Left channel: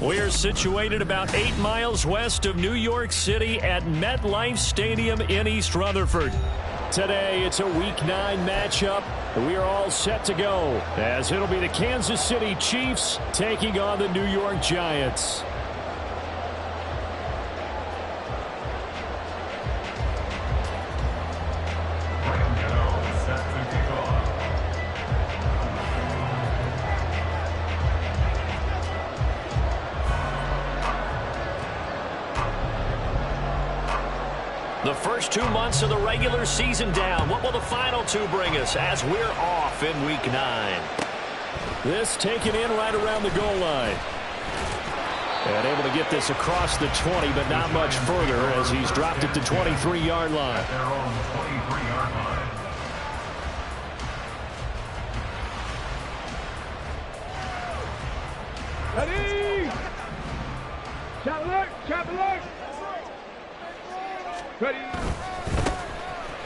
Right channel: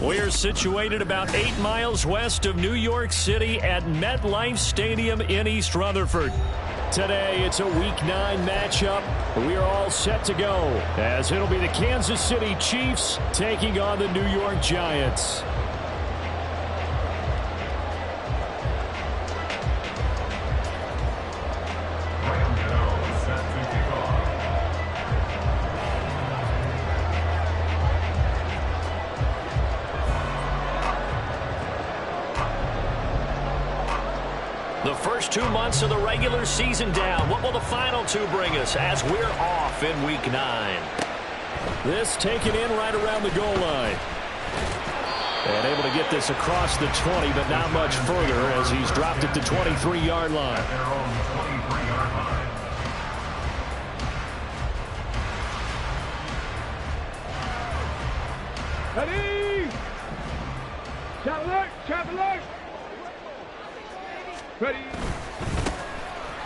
We're situated about 8 miles west of New York City at MetLife Stadium in East Rutherford. Today, it's a Week 9 matchup. We are all set to go, as it'll be the Kansas City Chiefs taking on the New York Giants. The first 2 months of the regular season down. What will the final 2 bring us as we're off in Week 9? This taken in right around the goal line. And able to get this across the 20, but not much further as he's dropped it to 23-yard line. Ready? Chap alert! Ready.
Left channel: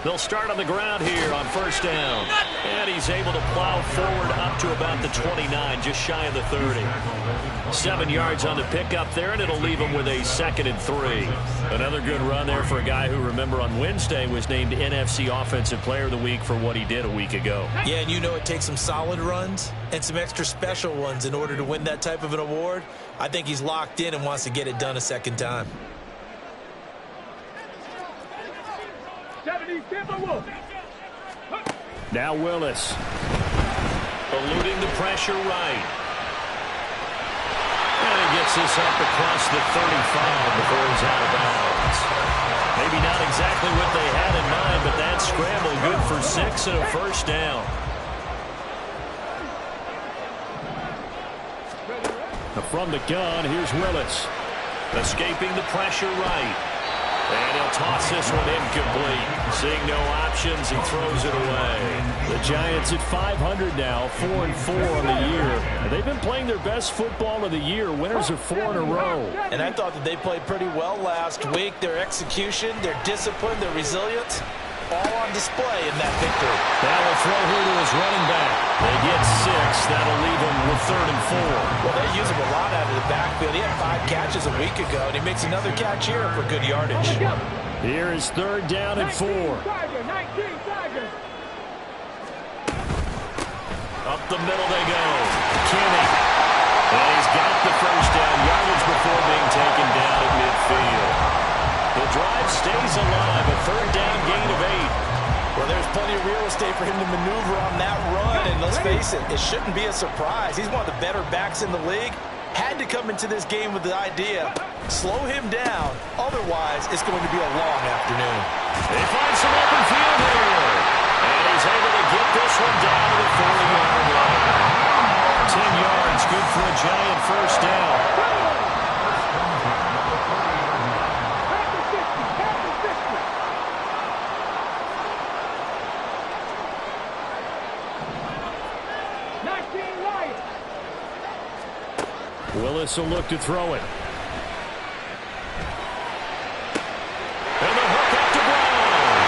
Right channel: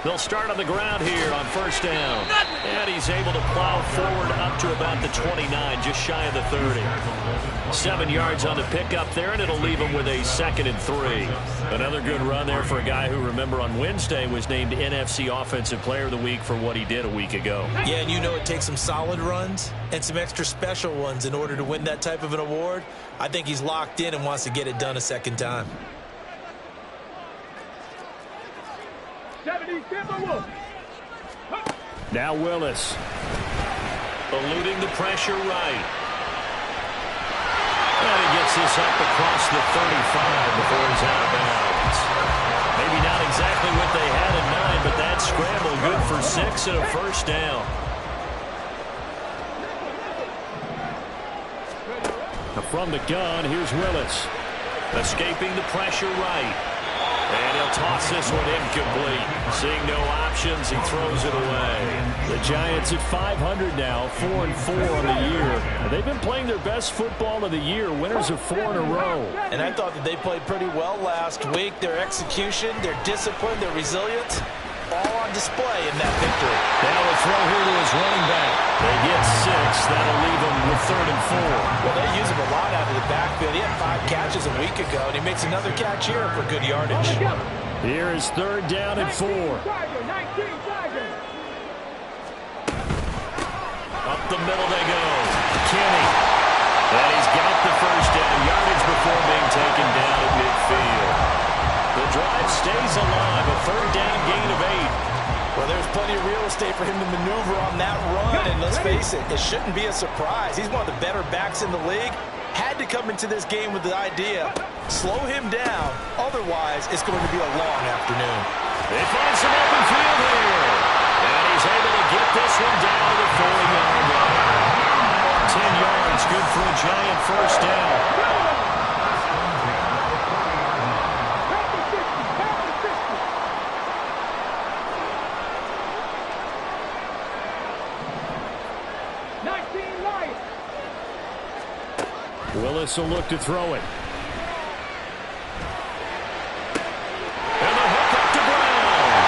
They'll start on the ground here on first down. And he's able to plow forward up to about the 29, just shy of the 30. 7 yards on the pickup there, and it'll leave him with a 2nd and 3. Another good run there for a guy who, remember, on Wednesday was named NFC Offensive Player of the Week for what he did a week ago. Yeah, and you know it takes some solid runs and some extra special ones in order to win that type of an award. I think he's locked in and wants to get it done a second time. 70, Timberwolves. Now Willis. Eluding the pressure right. And he gets this up across the 35 before he's out of bounds. Maybe not exactly what they had in mind, but that scramble good for 6 and a first down. From the gun, here's Willis. Escaping the pressure right. And he'll toss this one incomplete. Seeing no options, he throws it away. The Giants at 500 now, 4-4 on the year. And they've been playing their best football of the year, winners of 4 in a row. And I thought that they played pretty well last week. Their execution, their discipline, their resilience, all on display in that victory. Now a throw here to his running back. They get 6. That'll leave him with 3rd and 4. Well, they use him a lot out of the backfield. He had 5 catches a week ago, and he makes another catch here for good yardage. Here is 3rd down and 4. Up the middle they go. Kenny. And he's got the first down yardage before being taken down at midfield. The drive stays alive, a 3rd down gain of 8. Well, there's plenty of real estate for him to maneuver on that run, and let's face it, it shouldn't be a surprise. He's one of the better backs in the league. Had to come into this game with the idea, slow him down, otherwise it's going to be a long afternoon. They find some open field here, and he's able to get this one down to the 40-yard line. 10 yards, good for a Giant first down. Willis will look to throw it. And the hook up to Brown.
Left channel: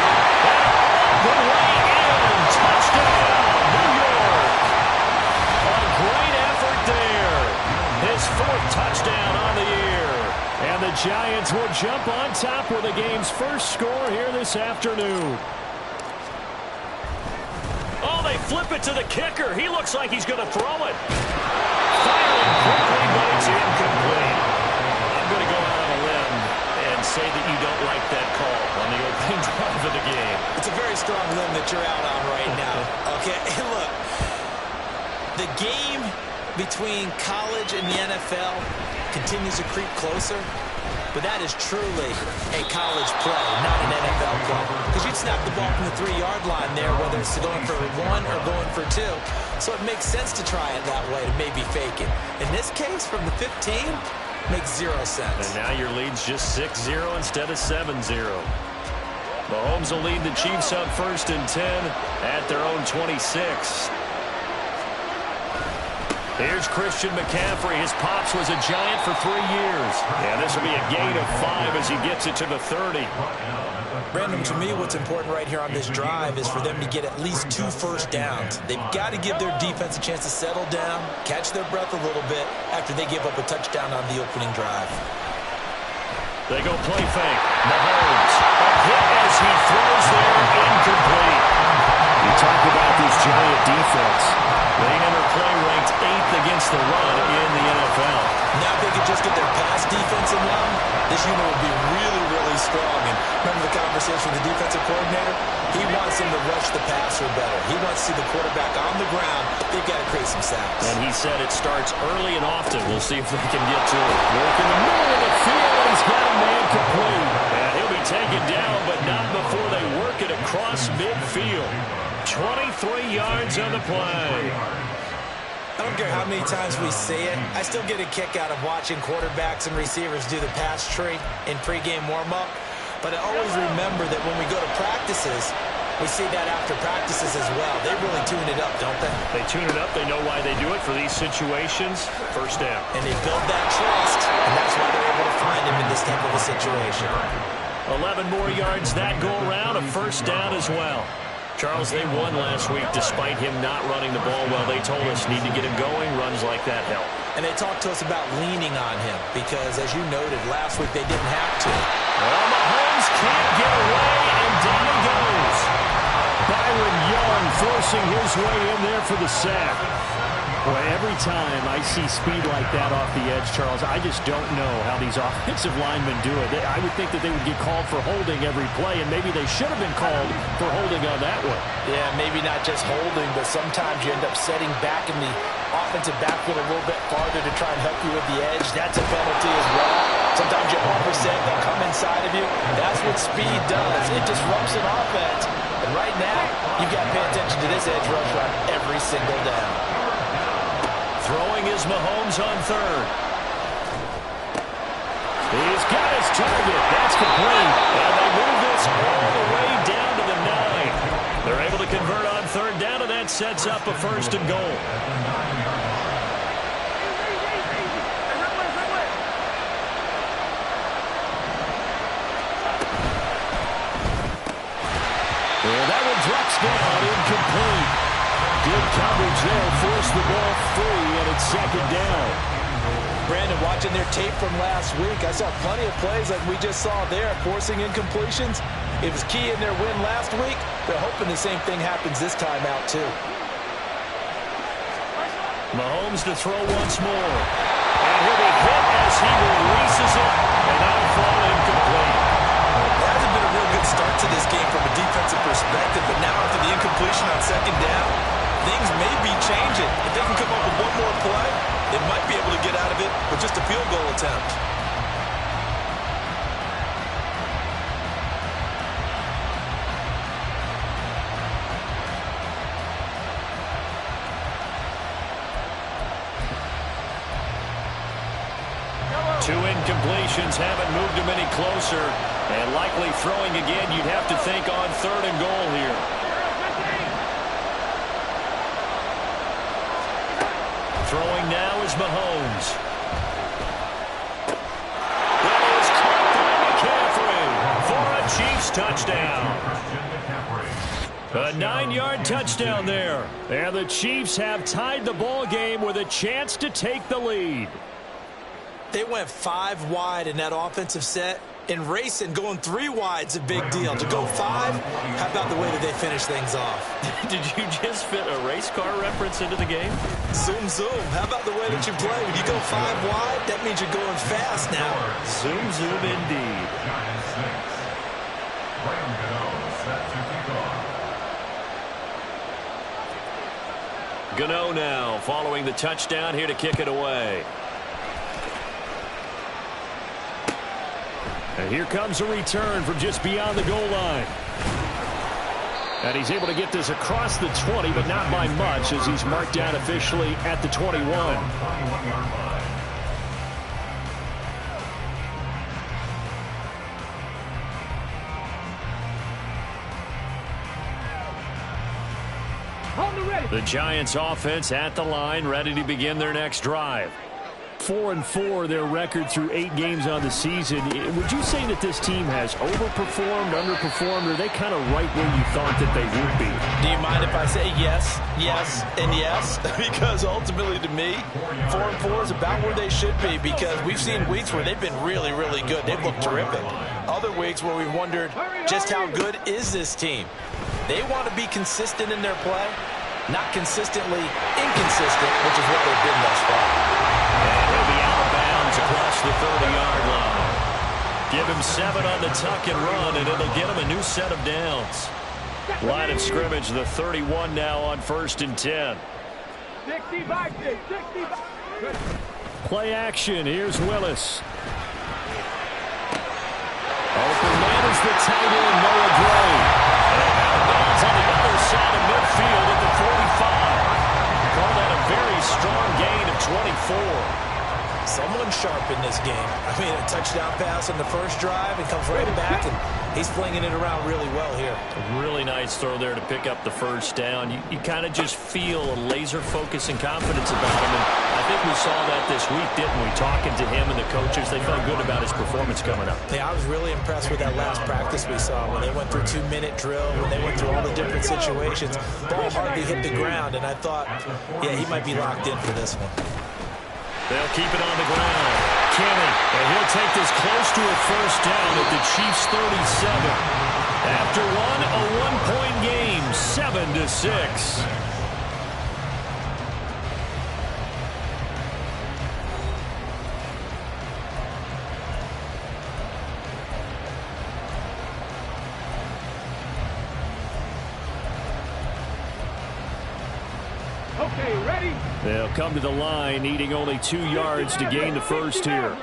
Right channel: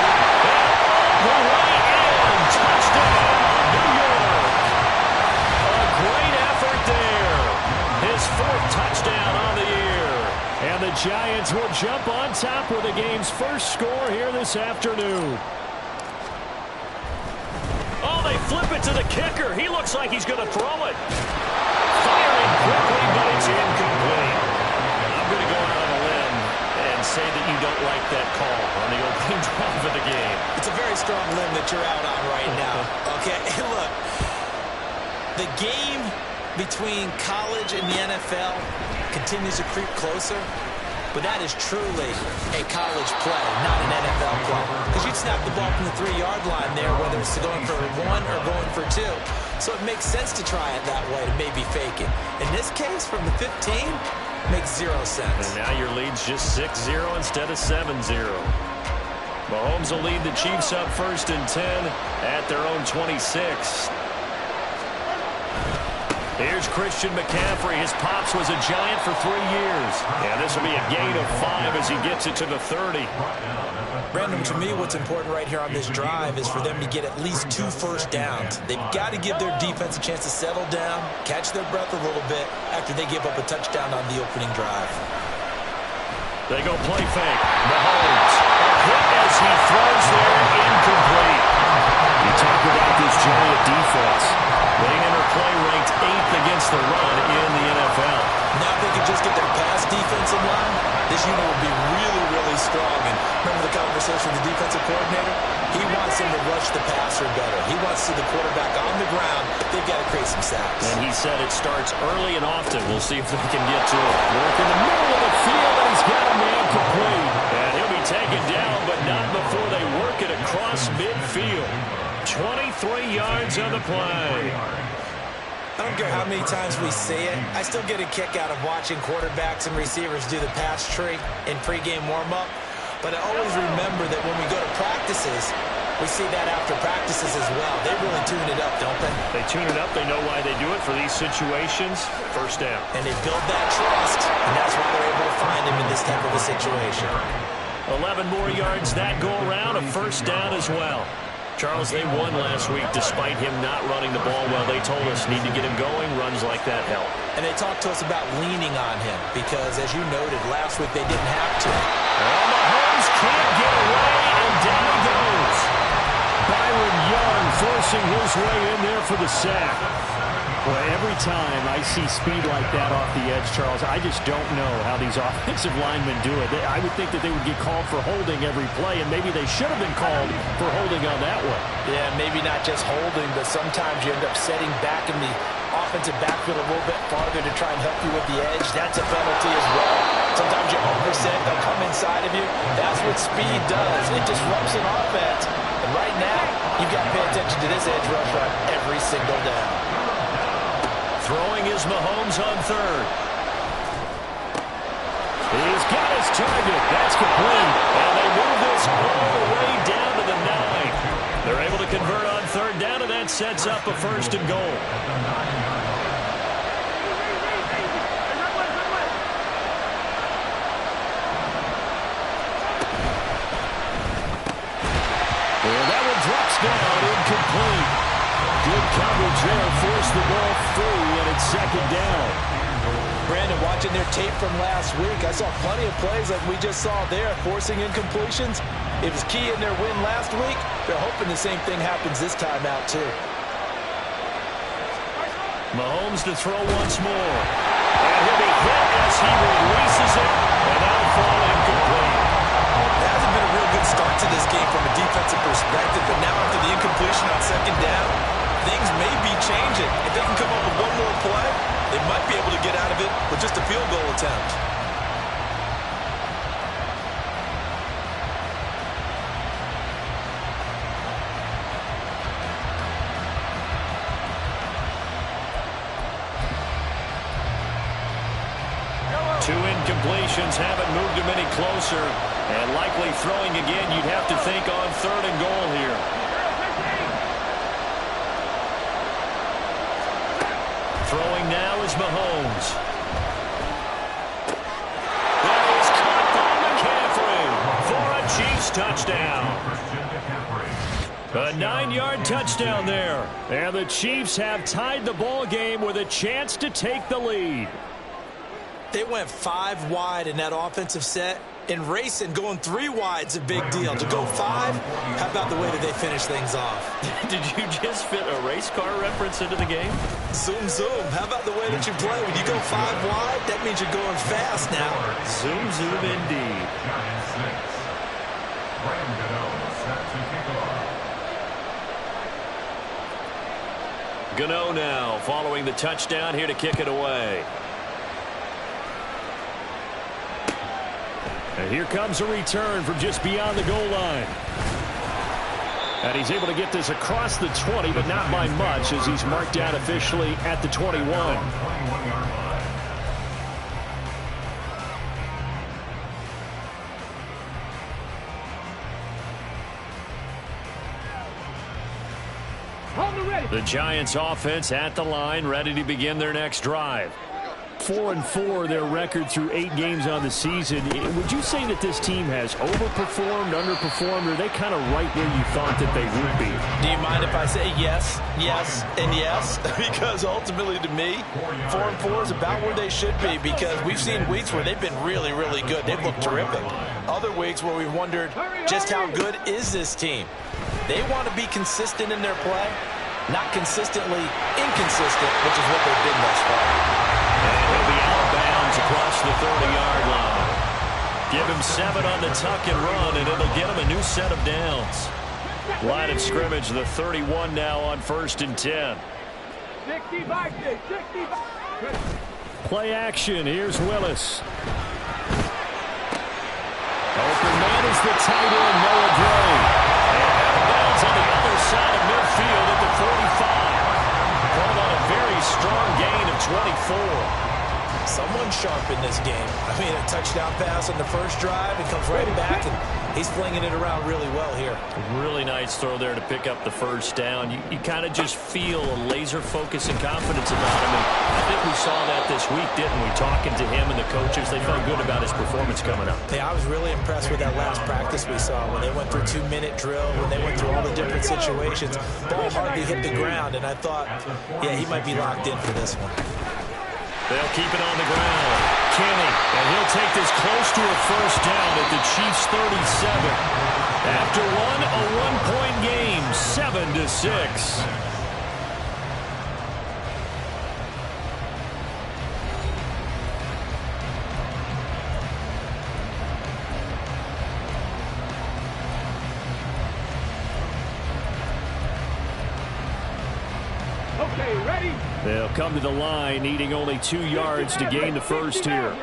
And all the way in. Touchdown, New York. A great effort there. His 4th touchdown on the year. And the Giants will jump on top with the game's first score here this afternoon. Oh, they flip it to the kicker. He looks like he's going to throw it. Firing quickly, but it's incomplete. I'm going to go out on a limb and say that you don't like that call on the opening drive of the game. It's a very strong limb that you're out on right now. Okay, look, the game between college and the NFL continues to creep closer, but that is truly a college play, not an NFL play. Because you'd snap the ball from the 3-yard line there, whether it's going for 1 or going for 2. So it makes sense to try it that way, to maybe fake it. In this case, from the 15, makes 0 sense. And now your lead's just 6-0 instead of 7-0. Mahomes will lead the Chiefs up 1st and 10 at their own 26. Here's Christian McCaffrey. His pops was a Giant for 3 years. Yeah, this will be a gain of 5 as he gets it to the 30. Brandon, to me, what's important right here on this drive is for them to get at least 2 first downs. They've got to give their defense a chance to settle down, catch their breath a little bit after they give up a touchdown on the opening drive. They go play fake. Mahomes. A hit as he throws there, incomplete. You talk about this Giant defense. They enter play ranked 8th against the run in the NFL. Now if they could just get their pass defense in line, this unit would be really, really strong. And remember the conversation with the defensive coordinator? He wants them to rush the passer better. He wants to see the quarterback on the ground. They've got to create some sacks. And he said it starts early and often. We'll see if they can get to it. Work in the middle of the field, and he's got a man complete. And he'll be taken down, but not before they work it across midfield. 23 yards on the play. I don't care how many times we see it. I still get a kick out of watching quarterbacks and receivers do the pass tree in pregame warm-up. But I always remember that when we go to practices, we see that after practices as well. They really tune it up, don't they? They tune it up. They know why they do it for these situations. First down. And they build that trust, and that's why they're able to find him in this type of a situation. 11 more yards that go around, a first down as well. Charles, they won last week despite him not running the ball well. They told us need to get him going. Runs like that help. And they talked to us about leaning on him because, as you noted, last week they didn't have to. Well, Mahomes can't get away, and down he goes. Byron Young forcing his way in there for the sack. Boy, every time I see speed like that off the edge, Charles, I just don't know how these offensive linemen do it. I would think that they would get called for holding every play, and maybe they should have been called for holding on that one. Yeah, maybe not just holding, but sometimes you end up setting back in the offensive backfield a little bit farther to try and help you with the edge. That's a penalty as well. Sometimes you overset, they'll come inside of you. That's what speed does. It disrupts an offense. And right now, you've got to pay attention to this edge rusher on every single down. Throwing is Mahomes on third. He's got his target. That's complete. And they move this all the way down to the 9. They're able to convert on third down, and that sets up a first and goal. And that one drops down, incomplete. Good coverage there, forced the ball free, and it's second down. Brandon, watching their tape from last week, I saw plenty of plays like we just saw there, forcing incompletions. It was key in their win last week. They're hoping the same thing happens this time out, too. Mahomes to throw once more. And he'll be hit as he releases it, and that'll fall incomplete. It hasn't been a real good start to this game from a defensive perspective, but now after the incompletion on second down, things may be changing. If they can come up with one more play, they might be able to get out of it with just a field goal attempt. Two incompletions haven't moved him any closer. And likely throwing again, you'd have to think on third and goal here. Throwing now is Mahomes. That is caught by McCaffrey for a Chiefs touchdown. A 9-yard touchdown there. And the Chiefs have tied the ball game with a chance to take the lead. They went 5 wide in that offensive set. And racing, going 3 wide's a big deal. To go 5, how about the way that they finish things off? Did you just fit a race car reference into the game? Zoom, zoom. How about the way that you play? When you go 5 wide, that means you're going fast now. Zoom, zoom indeed. Gano now following the touchdown here to kick it away. And here comes a return from just beyond the goal line. And he's able to get this across the 20, but not by much as he's marked down officially at the 21. The Giants offense at the line, ready to begin their next drive. 4-4 their record through 8 games on the season. Would you say that this team has overperformed, underperformed, or are they kind of right where you thought that they would be? Do you mind if I say yes, yes, and yes? Because ultimately to me, 4-4 is about where they should be, because we've seen weeks where they've been really, really good. They've looked terrific. Other weeks where we've wondered just how good is this team. They want to be consistent in their play, not consistently inconsistent, which is what they've been thus far. And he'll be out of bounds across the 30-yard line. Give him 7 on the tuck and run, and it'll get him a new set of downs. Line of scrimmage, the 31 now on 1st and 10. Play action. Here's Willis. Open man is the tight end, Noah Gray. And out of bounds on the other side of midfield at the 45. Call that a very strong gain of 24. Someone sharp in this game. I mean, a touchdown pass on the first drive. It comes right back, and he's flinging it around really well here. A really nice throw there to pick up the first down. You kind of just feel a laser focus and confidence about him. And I think we saw that this week, didn't we? Talking to him and the coaches, they felt good about his performance coming up. Yeah, I was really impressed with that last practice we saw when they went through 2-minute drill, when they went through all the different situations. Ball hardly hit the ground, and I thought, yeah, he might be locked in for this one. They'll keep it on the ground. Kenny, and he'll take this close to a first down at the Chiefs' 37. After one, a 1-point game, 7-6. Okay, ready? They'll come to the line, needing only 2 yards to gain the first here.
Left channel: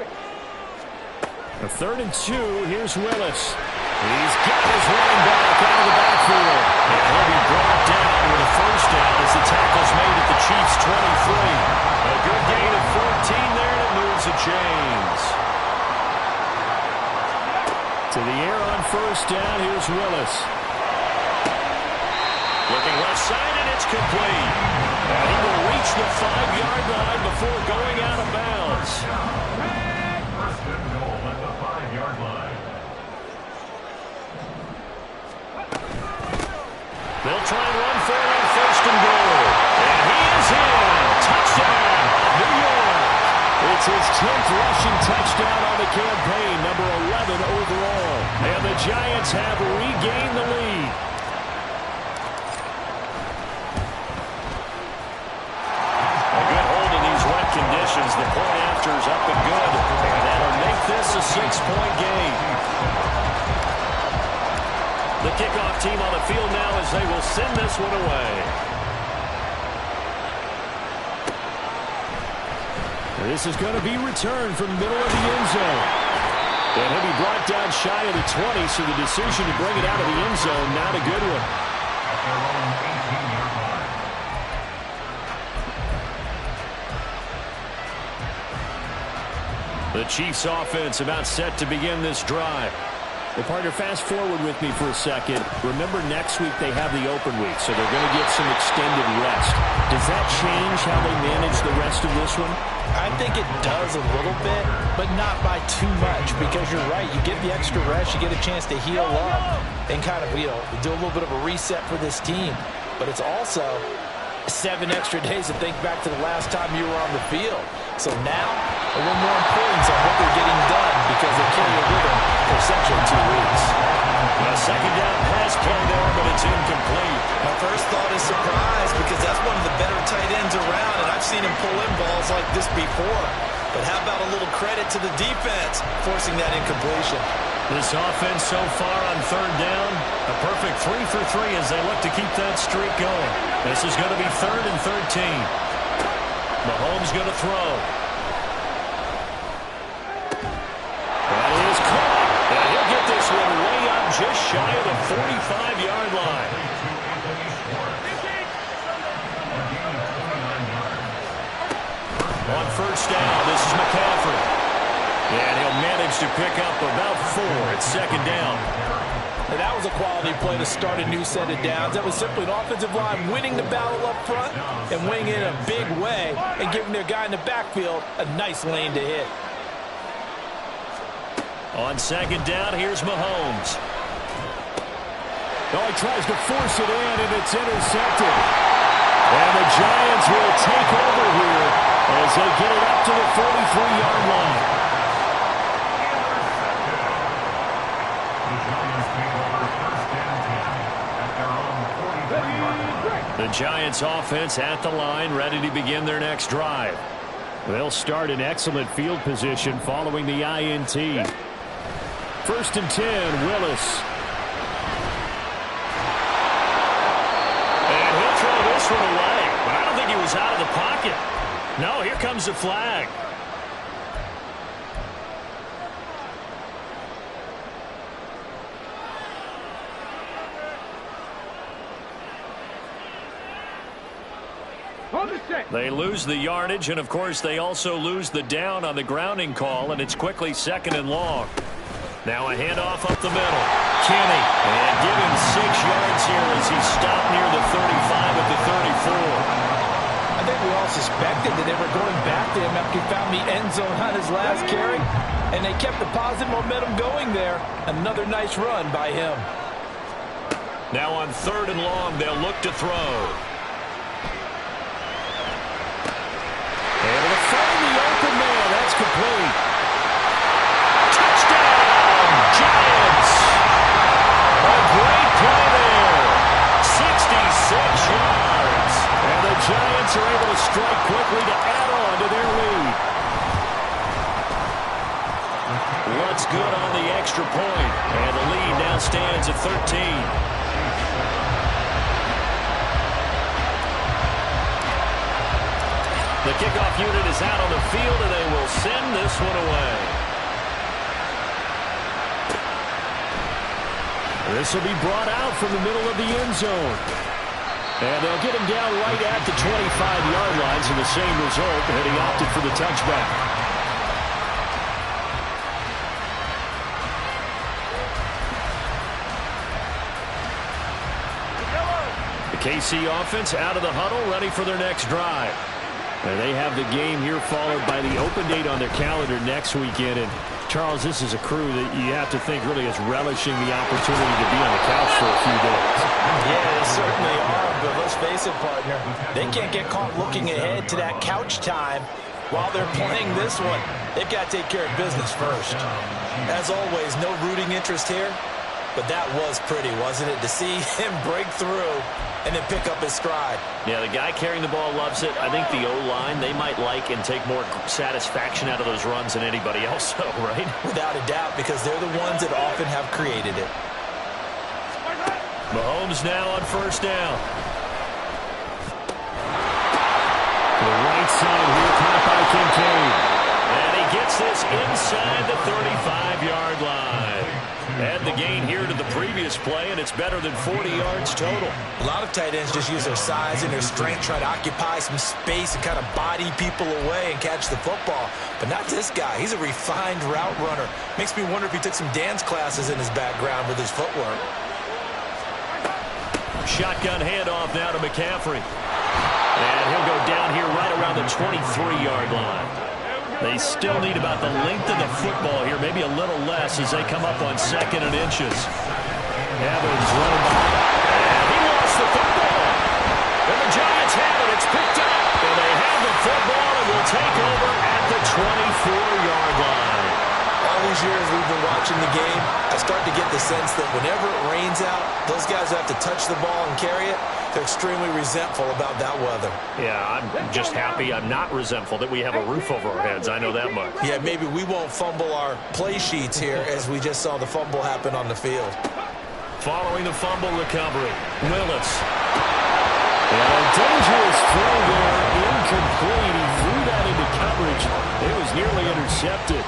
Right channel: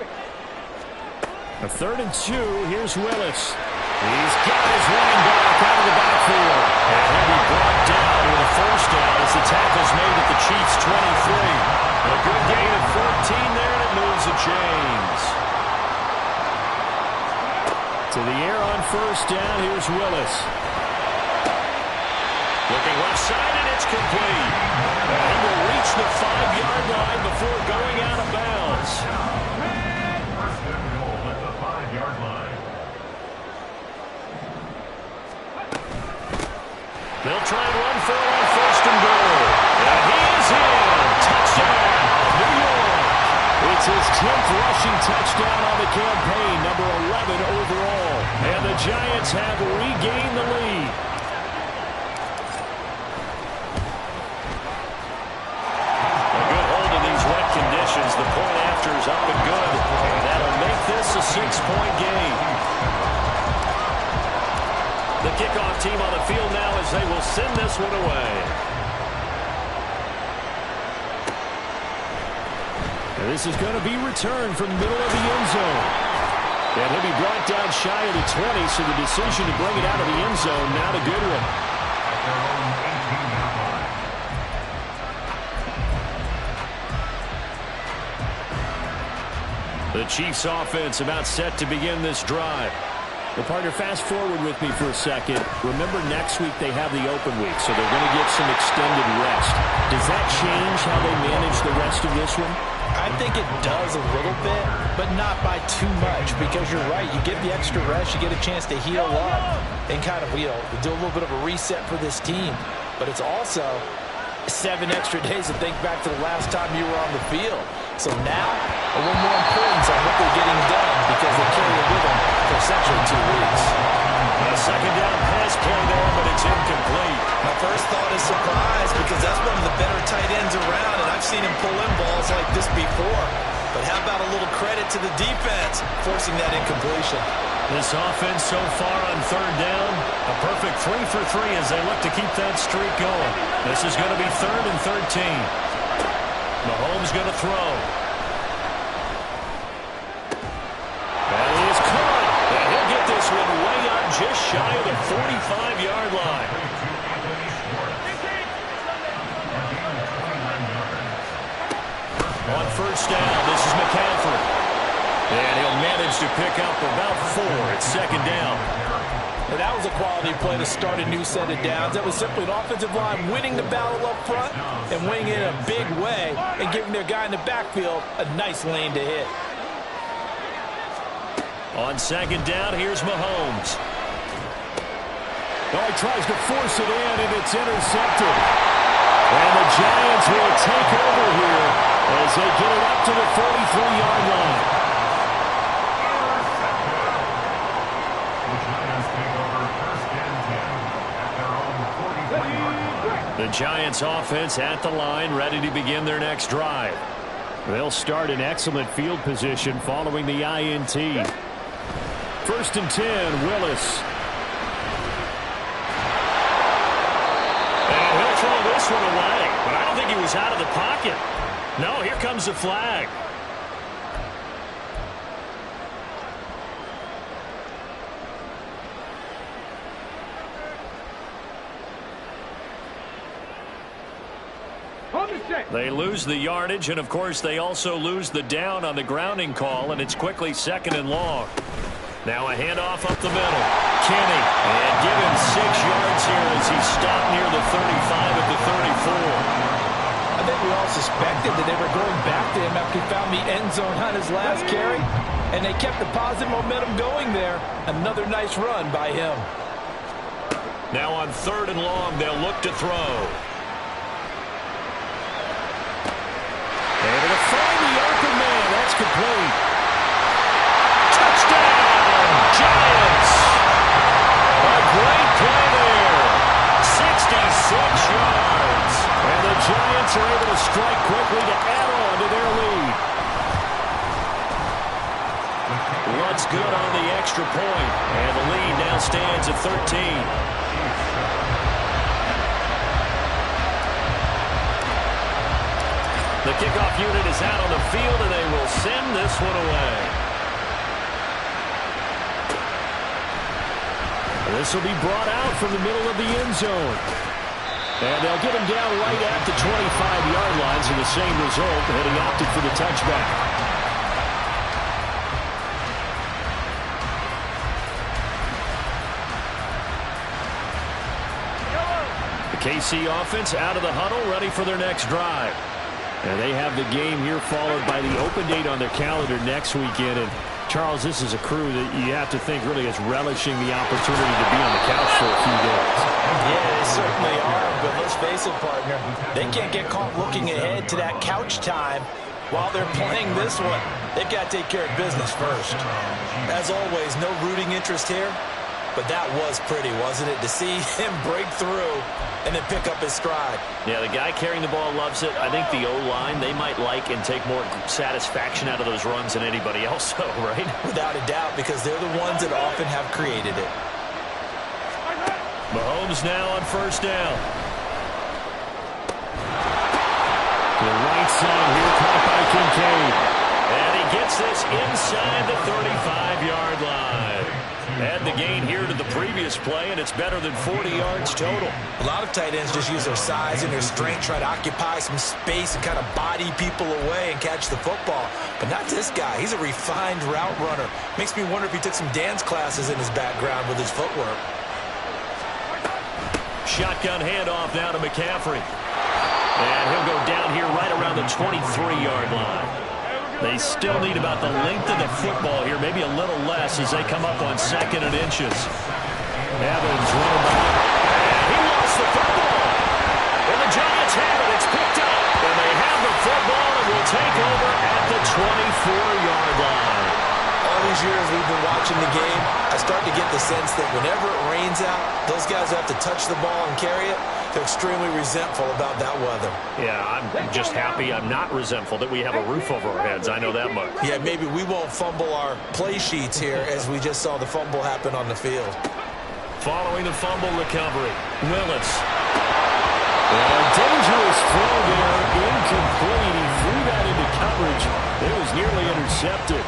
A 3rd and 2. Here's Willis. He's got his running back out of the backfield. And he'll be brought down with a first down as the tackle's made at the Chiefs' 23. A good gain of 14 there, and it moves the chains. To the air on first down. Here's Willis. Looking left side, and it's complete. And he will reach the 5-yard line before going out of bounds. First and goal at the 5-yard line. They'll try and run for it on first and goal. And he is in. Touchdown, New York. It's his 10th rushing touchdown on the campaign, number 11 overall. And the Giants have regained the lead. Conditions. The point after is up and good, and that'll make this a 6-point game. The kickoff team on the field now as they will send this one away. And this is going to be returned from the middle of the end zone. And he'll be brought down shy of the 20, so the decision to bring it out of the end zone, not a good one. At their own 18-yard line. The Chiefs offense about set to begin this drive. Well, partner, fast forward with me for a second. Remember, next week they have the open week, so they're going to get some extended rest. Does that change how they manage the rest of this one? I think it does a little bit, but not by too much, because you're right. You get the extra rest, you get a chance to heal up and kind of, do a little bit of a reset for this team. But it's also 7 extra days to think back to the last time you were on the field. So now, a little more importance on what they're getting done, because they carry it with them for essentially 2 weeks. A second down pass play there, but it's incomplete. My first thought is surprise, because that's one of the better tight ends around, and I've seen him pull in balls like this before. But how about a little credit to the defense forcing that incompletion? This offense so far on 3rd down, a perfect 3 for 3 as they look to keep that streak going. This is going to be 3rd and 13. Mahomes going to throw. That is caught. And he'll get this one way up just shy of the 45-yard line. On first down, this is McCaffrey. And he'll manage to pick up about 4 at 2nd down. And that was a quality play to start a new set of downs. That was simply an offensive line winning the battle up front and winning it in a big way and giving their guy in the backfield a nice lane to hit. On second down, here's Mahomes. Oh, he tries to force it in, and it's intercepted. And the Giants will take over here as they get it up to the 43-yard line. Intercepted. The Giants take over first and 10 at their own 43-yard line. The Giants offense at the line, ready to begin their next drive. They'll start in excellent field position following the INT. First and 10, Willis. And he'll throw this one away, but I don't think he was out of the pocket. No, here comes the flag. They lose the yardage, and of course they also lose the down on the grounding call, and it's quickly second and long. Now a handoff up the middle. Kenny, and give him 6 yards here as he stopped near the 35 at the 34. I think we all suspected that they were going back to him after he found the end zone on his last carry, and they kept the positive momentum going there. Another nice run by him. Now on third and long, they'll look to throw. Able to find the open man. That's complete. Touchdown, Giants. A great play there. 66 yards. And the Giants are able to strike quickly to add on to their lead. What's good on the extra point. And the lead now stands at 13. The kickoff unit is out on the field, and they will send this one away. This will be brought out from the middle of the end zone. And they'll get him down right at the 25-yard lines, and the same result, and he opted for the touchback. The KC offense out of the huddle, ready for their next drive. And they have the game here followed by the open date on their calendar next weekend. And, Charles, this is a crew that you have to think really is relishing the opportunity to be on the couch for a few days. Yeah, they certainly are, but let's face it, partner. They can't get caught looking ahead to that couch time while they're playing this one. They've got to take care of business first. As always, no rooting interest here, but that was pretty, wasn't it? To see him break through and then pick up his stride. Yeah, the guy carrying the ball loves it. I think the O-line, they might like and take more satisfaction out of those runs than anybody else, though, right? Without a doubt, because they're the ones that often have created it. Mahomes now on first down. To the right side here, caught by Kincaid. And he gets this inside the 35-yard line. Add the gain here to the previous play, and it's better than 40 yards total. A lot of tight ends just use their size and their strength, try to occupy some space and kind of body people away and catch the football. But not this guy. He's a refined route runner. Makes me wonder if he took some dance classes in his background with his footwork. Shotgun handoff now to McCaffrey. And he'll go down here right around the 23-yard line. They still need about the length of the football here, maybe a little less as they come up on second and inches. Evans running behind. And he lost the football. And the Giants have it. It's picked up. And they have the football and will take over at the 24-yard line. All these years we've been watching the game, I start to get the sense that whenever it rains out, those guys who have to touch the ball and carry it, they're extremely resentful about that weather. Yeah, I'm just happy I'm not resentful that we have a roof over our heads. I know that much. Yeah, maybe we won't fumble our play sheets here as we just saw the fumble happen on the field. Following the fumble recovery, Willis. And a dangerous throw there, incomplete. He threw that into coverage. It was nearly intercepted.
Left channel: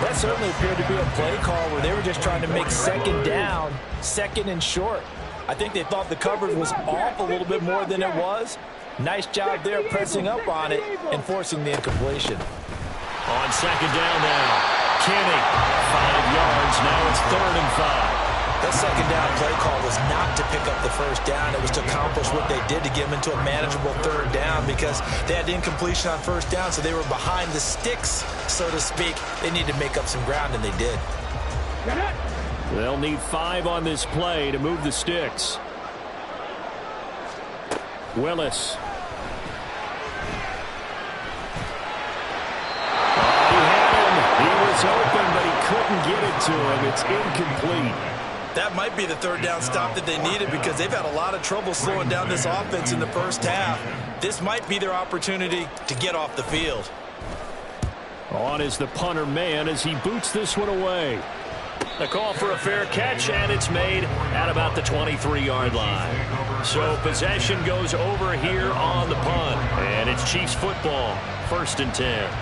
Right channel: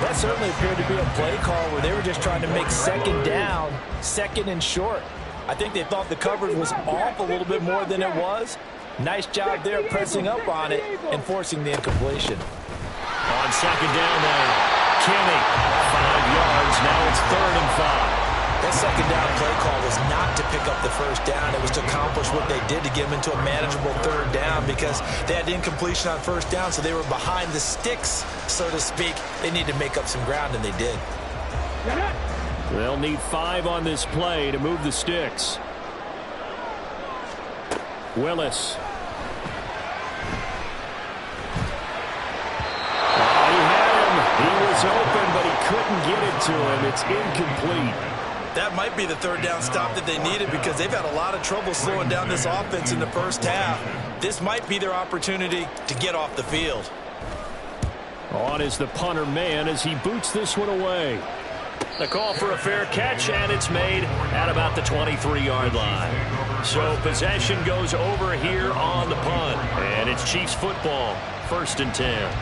That certainly appeared to be a play call where they were just trying to make second down, second and short. I think they thought the coverage was off a little bit more than it was. Nice job there pressing up on it and forcing the incompletion. On second down now, Kenny, 5 yards. Now it's 3rd and 5. That second down play call was not to pick up the first down. It was to accomplish what they did to get them into a manageable third down because they had incompletion on first down, so they were behind the sticks, so to speak. They needed to make up some ground, and they did. They'll need 5 on this play to move the sticks. Willis. Oh, he had him. He was open, but he couldn't get it to him. It's incomplete. That might be the third down stop that they needed because they've had a lot of trouble slowing down this offense in the first half. This might be their opportunity to get off the field. On is the punter man as he boots this one away. The call for a fair catch, and it's made at about the 23-yard line. So possession goes over here on the punt, and it's Chiefs football, 1st and 10.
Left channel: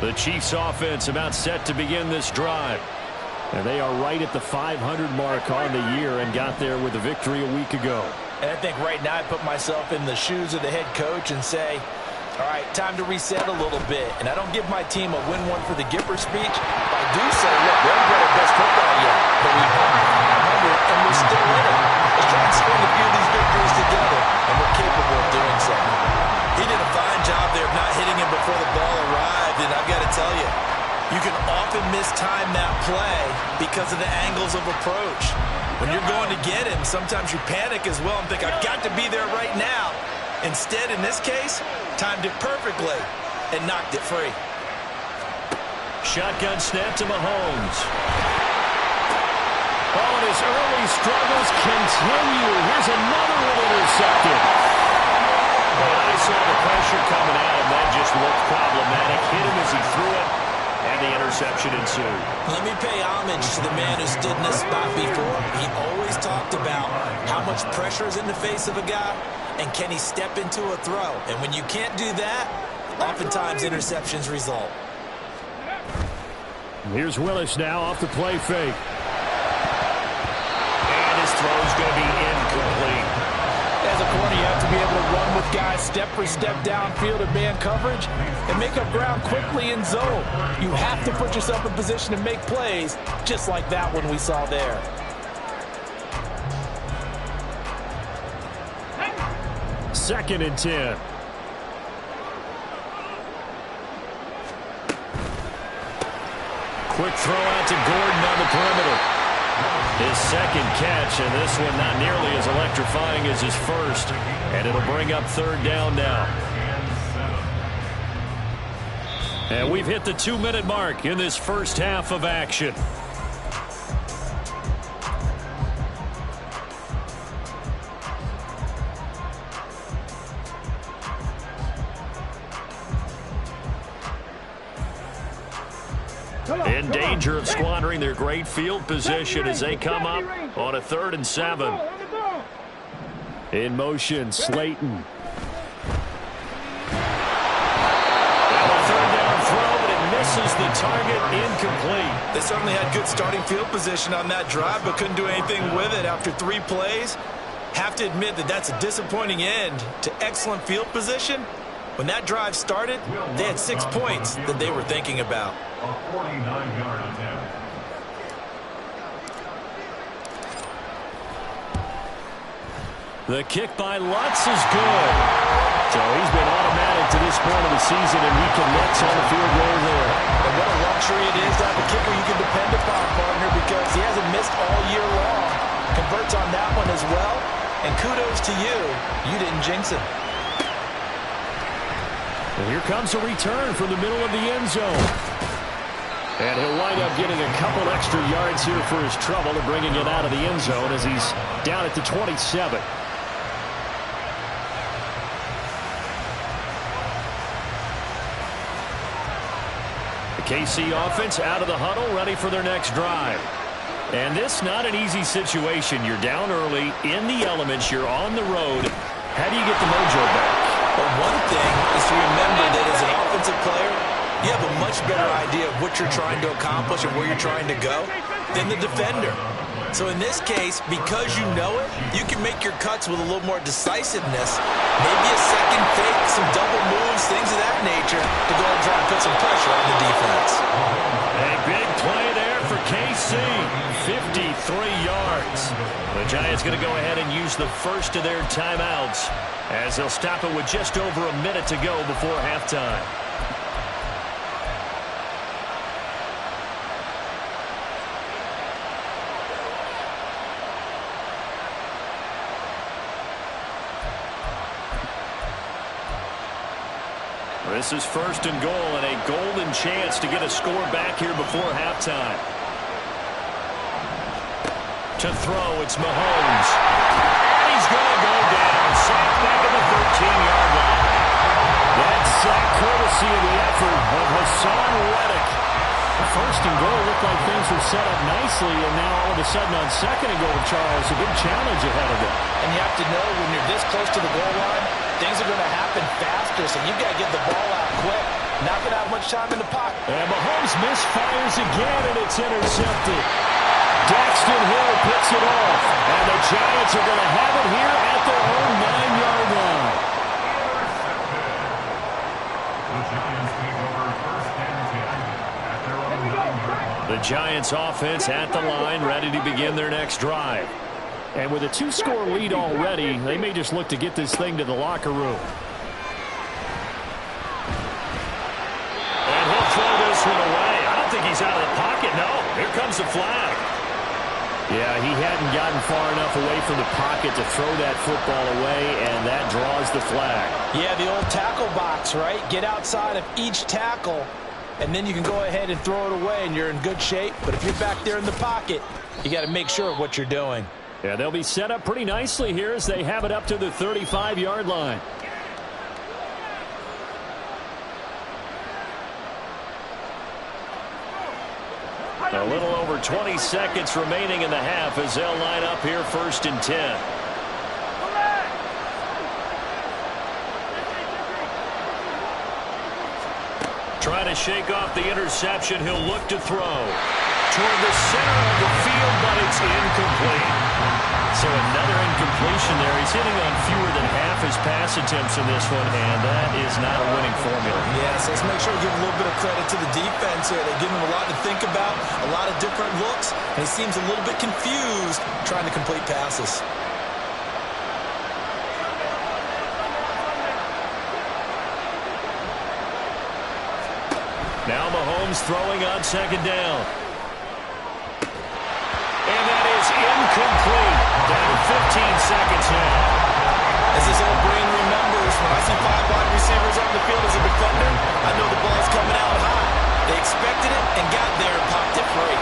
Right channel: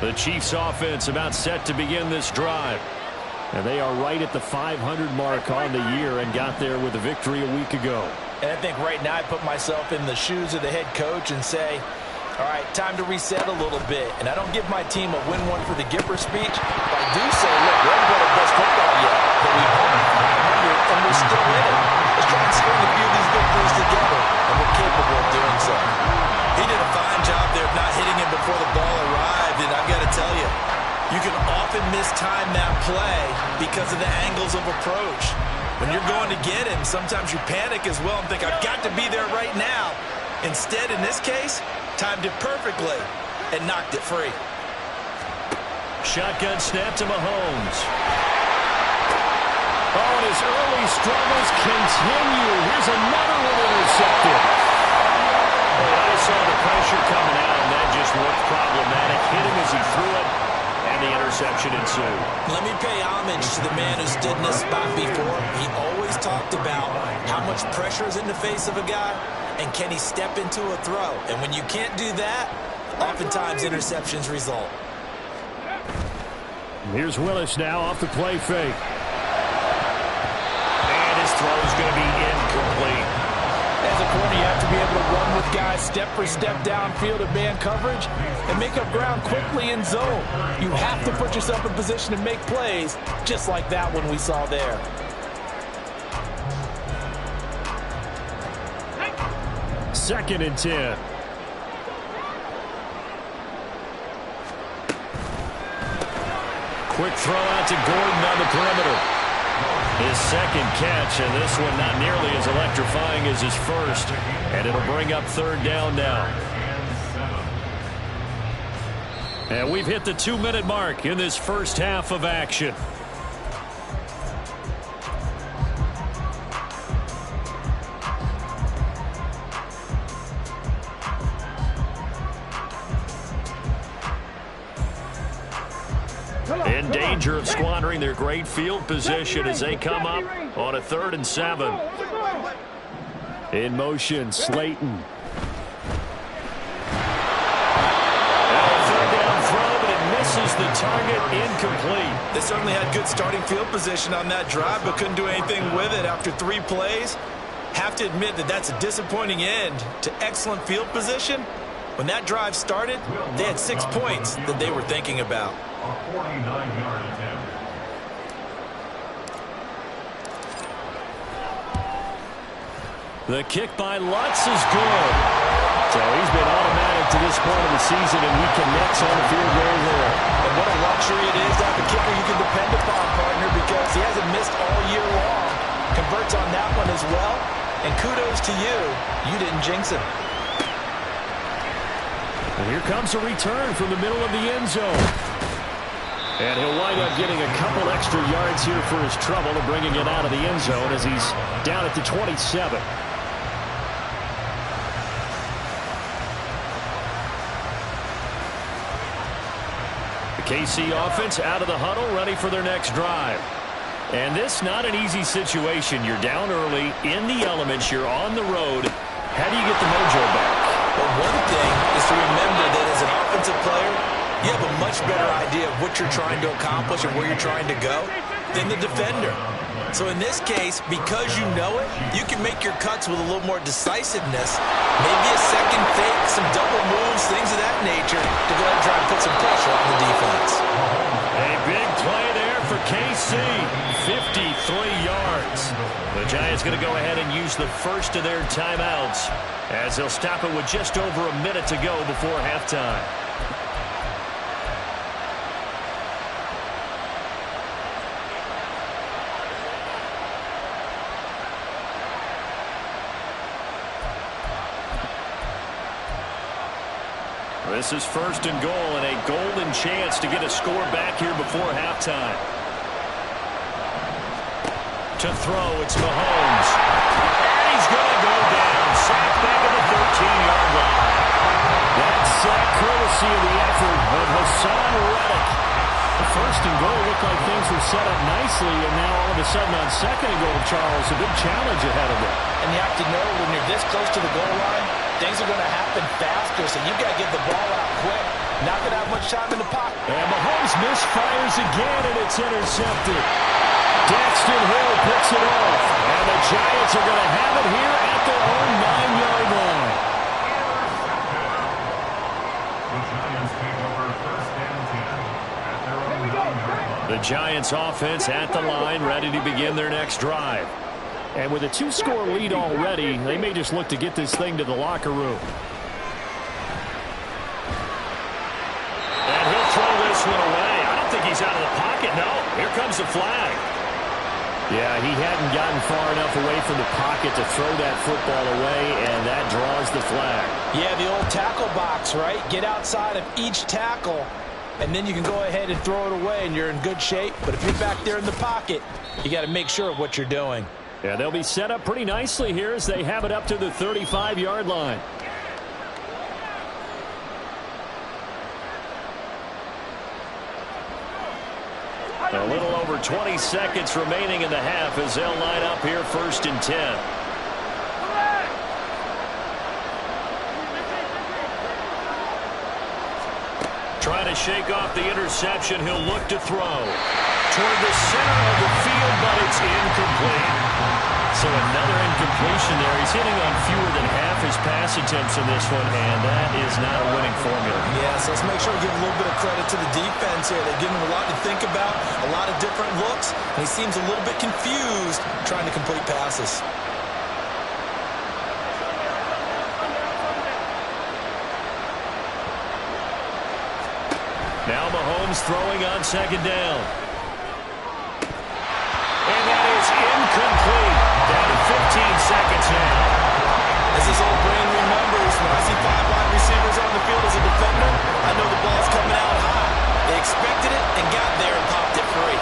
The Chiefs offense about set to begin this drive. And they are right at the 500 mark on the year and got there with a victory a week ago. And I think right now I put myself in the shoes of the head coach and say, all right, time to reset a little bit. And I don't give my team a win one for the Gipper speech. But I do say, look, we haven't played our best football yet. But we've won 500 and we're still in it. Let's try and string a few of these victories together. And we're capable of doing so. He did a fine job there of not hitting him before the ball arrived. And I've got to tell you, you can often mistime that play because of the angles of approach. When you're going to get him, sometimes you panic as well and think, I've got to be there right now. Instead, in this case, timed it perfectly and knocked it free. Shotgun snap to Mahomes. Oh, and his early struggles continue. Here's another one intercepted. When I saw the pressure coming at him, that just looked problematic. Hit him as he threw it, and the interception ensued. Let me pay homage to the man who stood in this spot before. He always talked about how much pressure is in the face of a guy, and can he step into a throw. And when you can't do that, oftentimes interceptions result. Here's Willis now off the play fake. And his throw's going to be incomplete. As a corner, you have to be able to run with guys step for step downfield in man coverage and make up ground quickly in zone. You have to put yourself in position to make plays, just like that one we saw there. Second and 10. Quick throw out to Gordon on the perimeter. His second catch, and this one not nearly as electrifying as his first. And it'll bring up 3rd down now. And we've hit the 2-minute mark in this first half of action. In danger of squandering their great field position as they come up on a 3rd and 7. In motion, Slayton. Now a 3rd down throw, but it misses the target, incomplete. They certainly had good starting field position on that drive, but couldn't do anything with it after 3 plays. Have to admit that that's a disappointing end to excellent field position. When that drive started, they had 6 points that they were thinking about. A 49-yard attempt. The kick by Lutz is good. So he's been automatic to this point of the season, and he connects on the field goal there. And what a luxury it is to have a kicker you can depend upon, partner, because he hasn't missed all year long. Converts on that one as well. And kudos to you. You didn't jinx him. And here comes a return from the middle of the end zone. And he'll wind up getting a couple extra yards here for his trouble and bringing it out of the end zone as he's down at the 27. The KC offense out of the huddle, ready for their next drive. And this not an easy situation. You're down early, in the elements, you're on the road. How do you get the mojo back? But one thing is to remember that as an offensive player, you have a much better idea of what you're trying to accomplish and where you're trying to go than the defender. So in this case, because you know it, you can make your cuts with a little more decisiveness. Maybe a second fake, some double moves, things of that nature to go ahead and try and put some pressure on the defense. A big play there for KC. 53 yards. The Giants going to go ahead and use the first of their timeouts as they'll stop it with just over a minute to go before halftime. This is first and goal and a golden chance to get a score back here before halftime. To throw, it's Mahomes. And he's going to go down. Sacked back at the 13-yard line. That sack courtesy of the effort of Hassan Reddick. The first and goal looked like things were set up nicely, and now all of a sudden on second and goal, Charles, a big challenge ahead of them. And you have to know when you're this close to the goal line, things are going to happen faster, so you've got to get the ball out quick. Not going to have much time in the pocket. And Mahomes misfires again, and it's intercepted. Daxton Hill picks it off, and the Giants are going to have it here at their own 9-yard line. The Giants take over first and 10 at their own 9-yard line. The Giants offense at the line, ready to begin their next drive. And with a 2-score lead already, they may just look to get this thing to the locker room. And he'll throw this one away. I don't think he's out of the pocket. No, here comes the flag. Yeah, he hadn't gotten far enough away from the pocket to throw that football away, and that draws the flag. Yeah, the old tackle box, right? Get outside of each tackle, and then you can go ahead and throw it away, and you're in good shape. But if you're back there in the pocket, you got to make sure of what you're doing. Yeah, they'll be set up pretty nicely here as they have it up to the 35-yard line. A little over 20 seconds remaining in the half as they'll line up here first and 10. Trying to shake off the interception. He'll look to throw toward the center of the field, but it's incomplete. So another incompletion there. He's hitting on fewer than half his pass attempts in this one, and that is not a winning formula. Yeah, so let's make sure we give a little bit of credit to the defense here. They've given him a lot to think about, a lot of different looks, and he seems a little bit confused trying to complete passes. Now Mahomes throwing on second down. And that is incomplete. Down to 15 seconds now. As his old brain remembers, when I see 5 wide receivers on the field as a defender, I know the ball's coming out high. They expected it and got there and popped it free.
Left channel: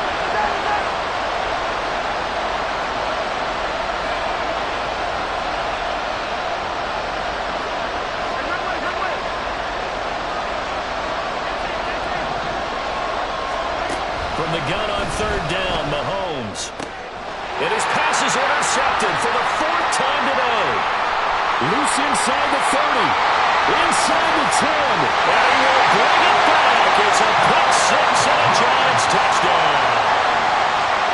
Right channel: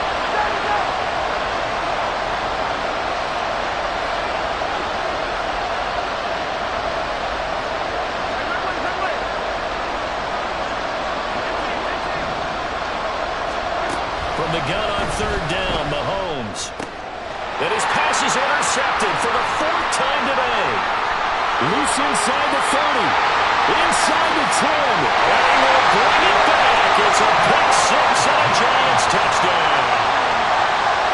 From the gun on third down, Mahomes. And his pass is intercepted for the 4th time today. Loose inside the 30. Inside the 10. And he will bring it back. It's a pick six and a Giants touchdown.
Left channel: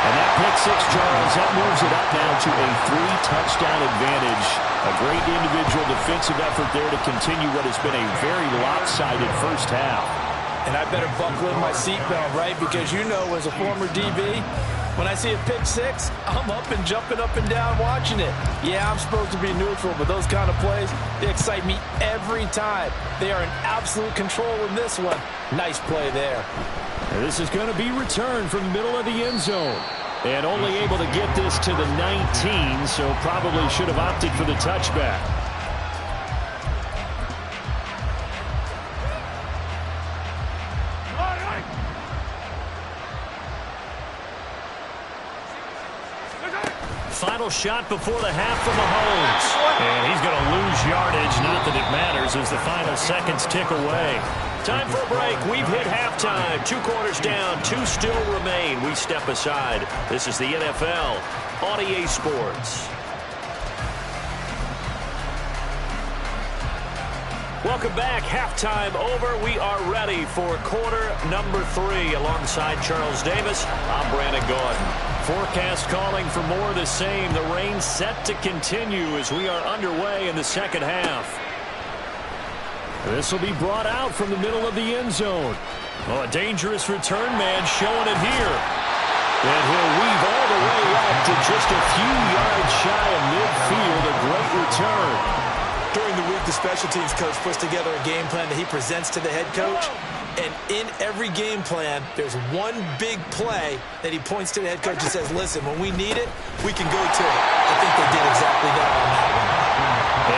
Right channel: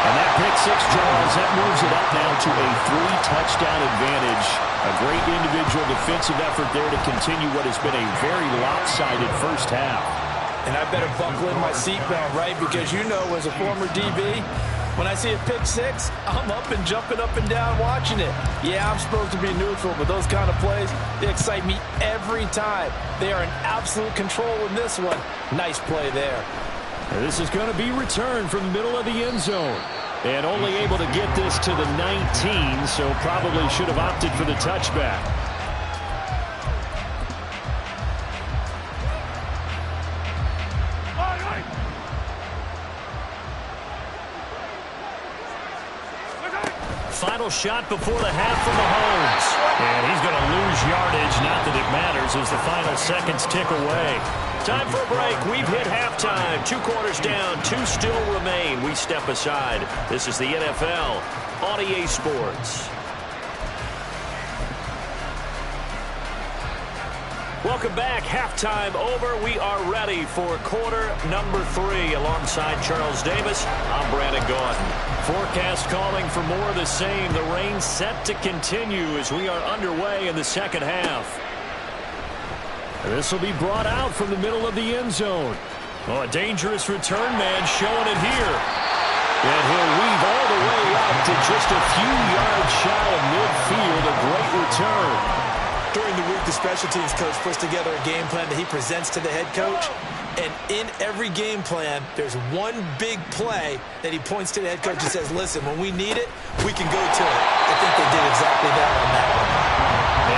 And that pick six, Charles, that moves it up now to a 3-touchdown advantage. A great individual defensive effort there to continue what has been a very lopsided first half. And I better buckle in my seatbelt, right? Because you know, as a former DB, when I see a pick six, I'm up and jumping up and down watching it. Yeah, I'm supposed to be neutral, but those kind of plays, they excite me every time. They are in absolute control in this one. Nice play there. And this is going to be returned from the middle of the end zone. And only able to get this to the 19, so probably should have opted for the touchback. Final shot before the half from Mahomes. And he's going to lose yardage. Not that it matters as the final seconds tick away. Time for a break. We've hit halftime. 2 quarters down. 2 still remain. We step aside. This is the NFL on EA Sports. Welcome back. Halftime over. We are ready for quarter number 3. Alongside Charles Davis, I'm Brandon Gaudin. Forecast calling for more of the same. The rain set to continue as we are underway in the second half. This will be brought out from the middle of the end zone. Oh, a dangerous return man showing it here. And he'll weave all the way up to just a few yards shy of midfield. A great return. During the week, the special teams coach puts together a game plan that he presents to the head coach. And in every game plan, there's one big play that he points to the head coach and says, listen, when we need it, we can go to it. I think they did exactly that on that one.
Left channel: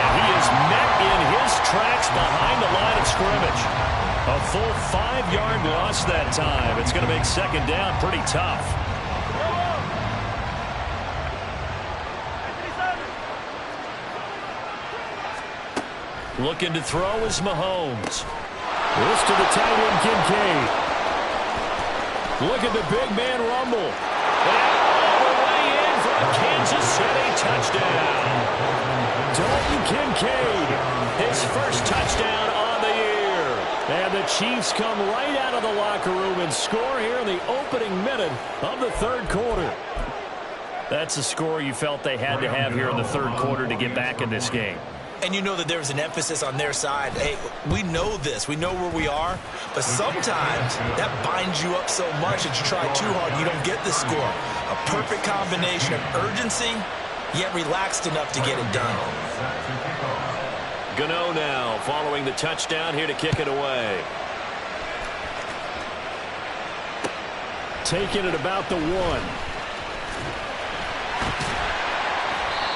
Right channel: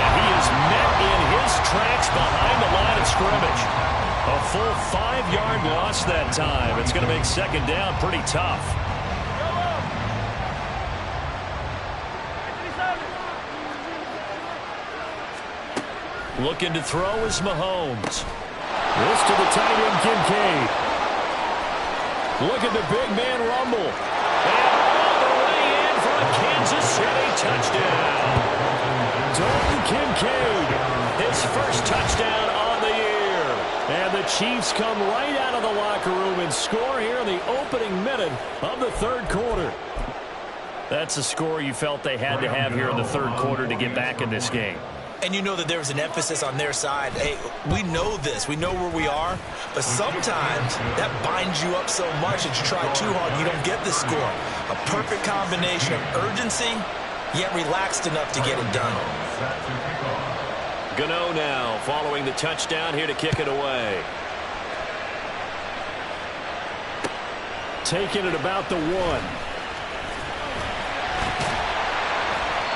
And he is met in his tracks behind the line of scrimmage. A full 5-yard loss that time. It's going to make second down pretty tough. Looking to throw is Mahomes. This to the tight end, Kincaid. Look at the big man rumble. And all the way in for a Kansas City touchdown. Dalton Kincaid, his first touchdown on the year. And the Chiefs come right out of the locker room and score here in the opening minute of the third quarter. That's a score you felt they had to have here in the third quarter to get back in this game. And you know that there's an emphasis on their side. Hey, we know this. We know where we are. But sometimes that binds you up so much that you try too hard and you don't get the score. A perfect combination of urgency, yet relaxed enough to get it done. Gano now following the touchdown here to kick it away. Taking it about the 1.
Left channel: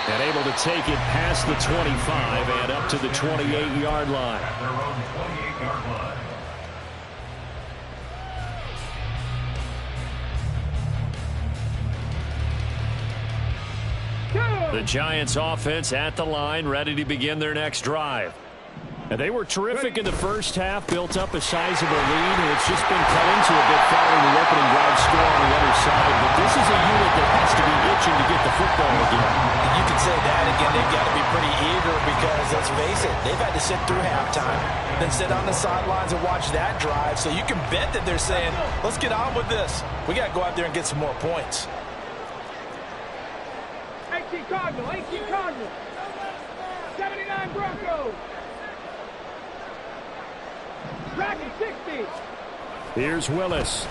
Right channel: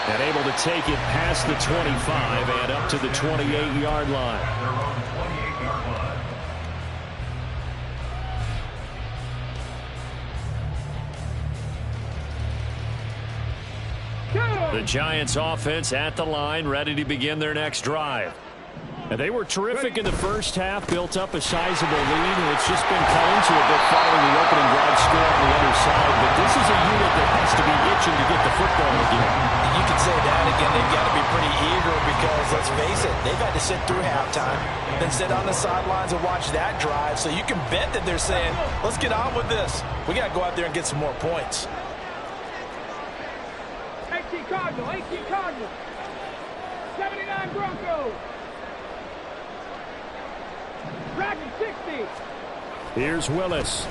And able to take it past the 25 and up to the 28-yard line. At their own 28-yard line. The Giants offense at the line, ready to begin their next drive. And they were terrific in the first half, built up a sizable lead, and it's just been cut into a bit following the opening drive score on the other side. But this is a unit that has to be itching to get the football again. You can say that again. They've got to be pretty eager because, let's face it, they've had to sit through halftime, then sit on the sidelines and watch that drive. So you can bet that they're saying, let's get on with this. We got to go out there and get some more points. 18 Cardinal, 79 Broncos. Dragon 60. Here's Willis.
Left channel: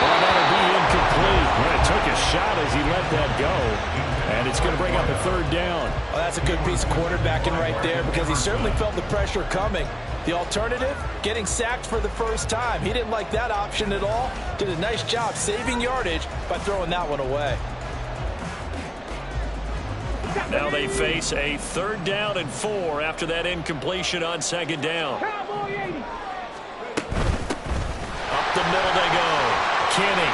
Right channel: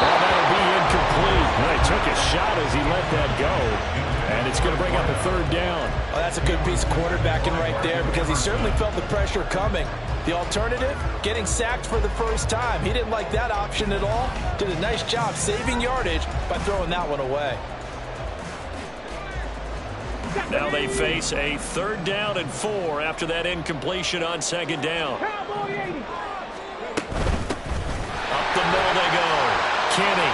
Well, that'll be incomplete. Well, he took a shot as he let that go. And it's going to bring up a third down. Oh, that's a good piece of quarterbacking right there because he certainly felt the pressure coming. The alternative, getting sacked for the first time. He didn't like that option at all. Did a nice job saving yardage by throwing that one away. Now they face a 3rd down and 4 after that incompletion on 2nd down. Cowboy 80. Up the middle they go. Kenny.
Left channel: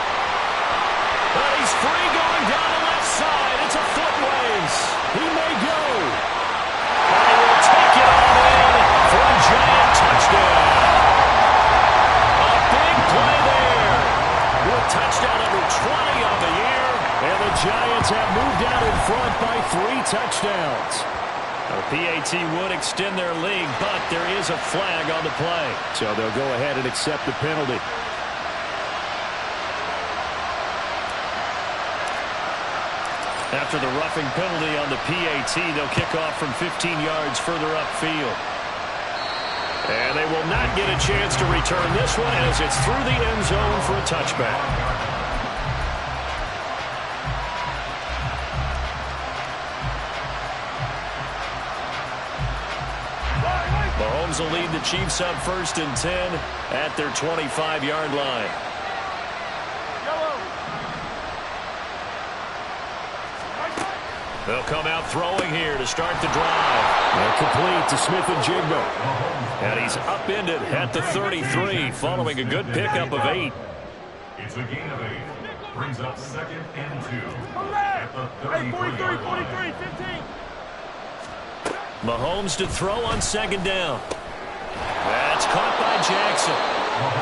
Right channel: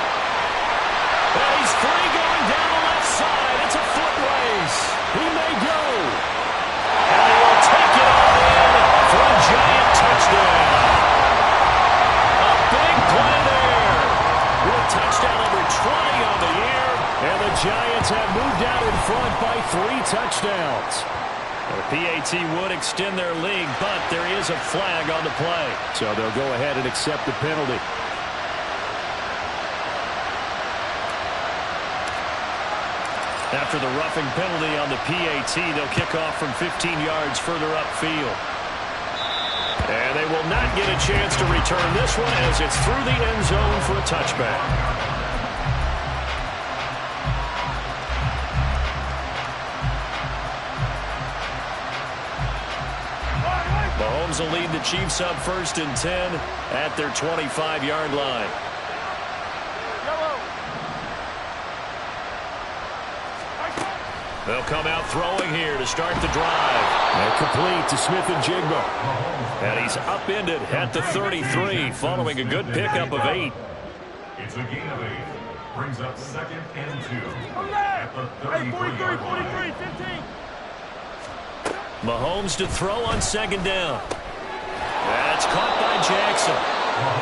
And he's free going down the left side. It's a foot race. He may go. And he will take it on in for a giant touchdown. A big play there. With touchdown number 20 on the year. And the Giants have moved out in front by 3 touchdowns. Now, the PAT would extend their lead, but there is a flag on the play. So they'll go ahead and accept the penalty. After the roughing penalty on the PAT, they'll kick off from 15 yards further upfield. And they will not get a chance to return this one as it's through the end zone for a touchback. Mahomes will lead the Chiefs up 1st and 10 at their 25-yard line. They'll come out throwing here to start the drive. And complete to Smith-Njigba. And he's upended at the 33 following a good pickup of 8. It's a gain of 8. Brings up 2nd and 2. At the 33-yard line. 15. Mahomes to throw on 2nd down. That's caught by Jackson.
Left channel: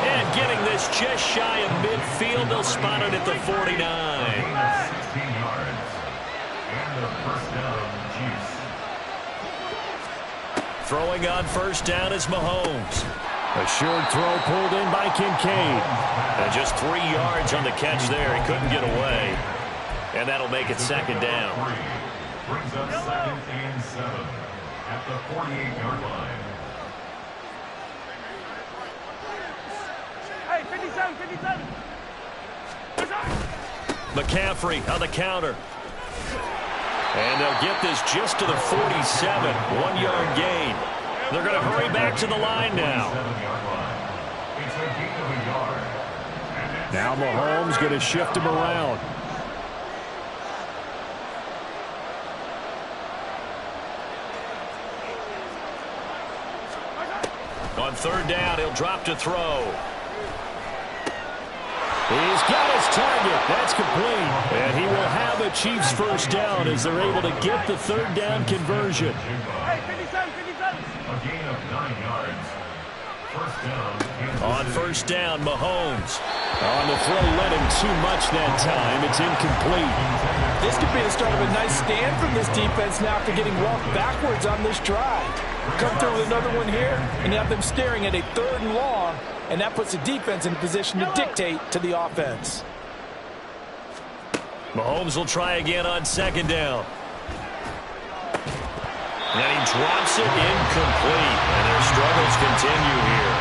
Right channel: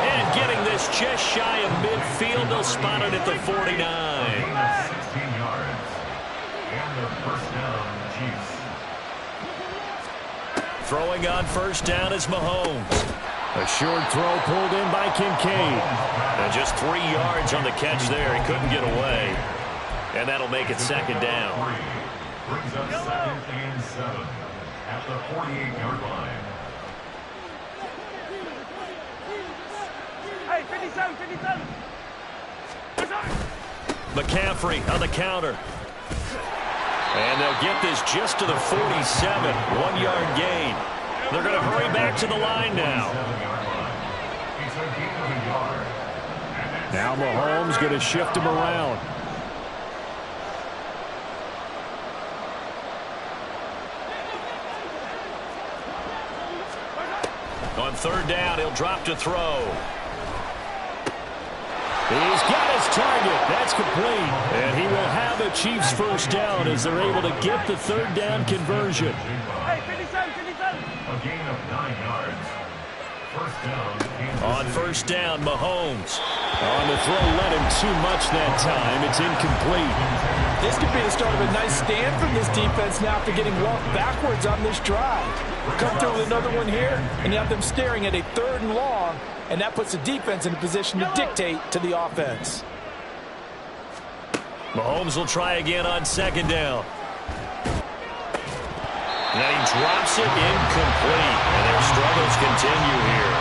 And getting this just shy of midfield, they'll spot it at the 49. 16 yards. And a 1st down, Chiefs. Throwing on first down is Mahomes. A short throw pulled in by Kincaid. And just 3 yards on the catch there. He couldn't get away. And that'll make it second down. Brings up 2nd and 7 at the 48-yard line. Hey, 57, 57. McCaffrey on the counter. And they'll get this just to the 47. 1-yard gain. They're going to hurry back to the line now. It's a gain of a yard. Now Mahomes going to shift him around. On third down, he'll drop to throw. He's got his target. That's complete. And he will have a Chiefs first down as they're able to get the third down conversion. Hey, 57, 57. A gain of 9 yards. First down. On first down, Mahomes. On the throw, let him too much that time. It's incomplete. This could be the start of a nice stand from this defense now after getting walked backwards on this drive. Come through with another one here, and you have them staring at a 3rd and long, and that puts the defense in a position to dictate to the offense. Mahomes will try again on second down. And he drops it incomplete. And their struggles continue here.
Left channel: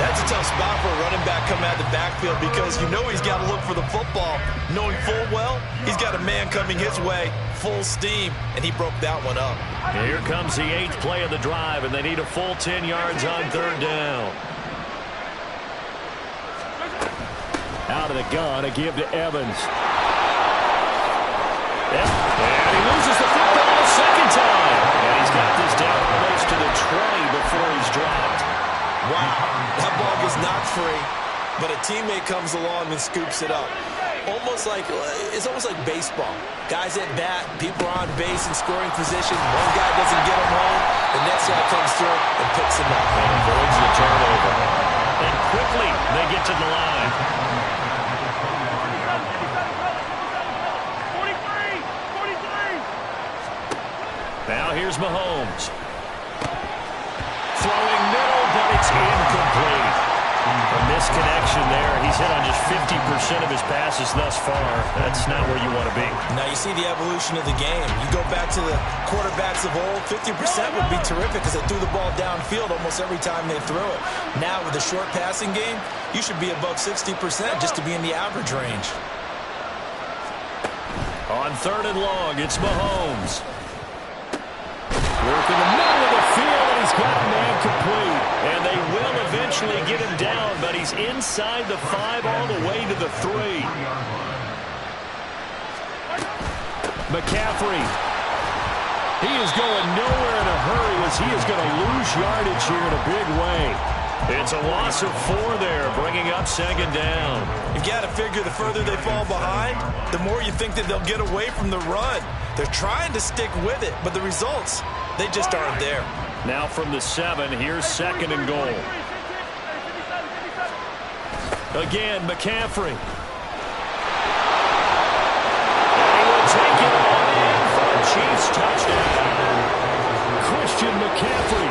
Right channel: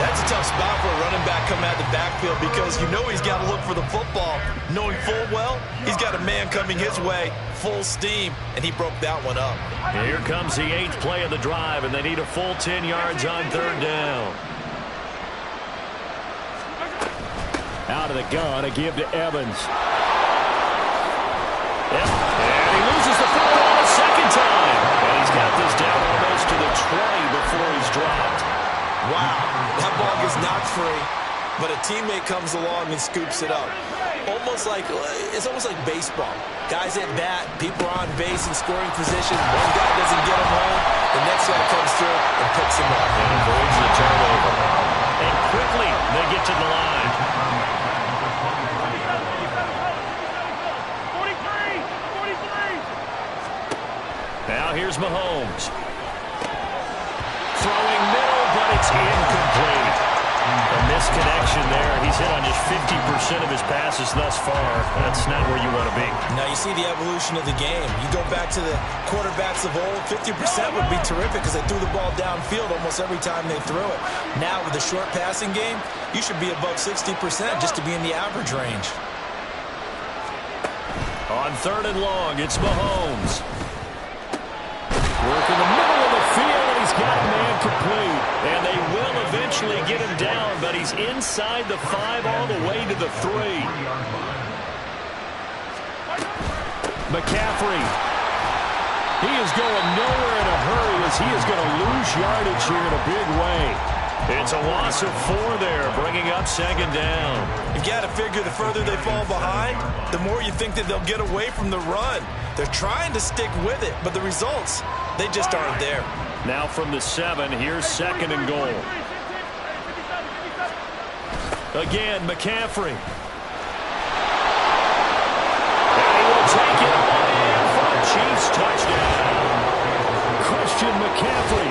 That's a tough spot for a running back coming out of the backfield because you know he's got to look for the football. Knowing full well, he's got a man coming his way, full steam, and he broke that one up. Here comes the 8th play of the drive, and they need a full 10 yards on third down. Out of the gun, a give to Evans. Yep. And he loses the football a second time. And he's got this down almost to the 20 before he's dropped. Wow, that ball gets knocked free, but a teammate comes along and scoops it up. It's almost like baseball. Guys at bat, people are on base in scoring position. One guy doesn't get him home, the next guy comes through and picks him up. And avoids the turnover. And quickly, they get to the line. 43, 43. Now here's Mahomes. Throwing middle, but it's incomplete. A misconnection there. He's hit on just 50% of his passes thus far. That's not where you want to be. Now you see the evolution of the game. You go back to the quarterbacks of old, 50% would be terrific because they threw the ball downfield almost every time they threw it. Now with the short passing game, you should be above 60% just to be in the average range. On third and long, it's Mahomes. Work in the middle of the field, and he's got a man complete. And they will eventually get him down, but he's inside the 5 all the way to the 3. McCaffrey. He is going nowhere in a hurry as he is going to lose yardage here in a big way. It's a loss of 4 there, bringing up second down. You got to figure the further they fall behind, the more you think that they'll get away from the run. They're trying to stick with it, but the results, they just aren't there. Now from the 7, here's second and goal. Again, McCaffrey. And he will take it on in for a Chiefs touchdown. Christian McCaffrey.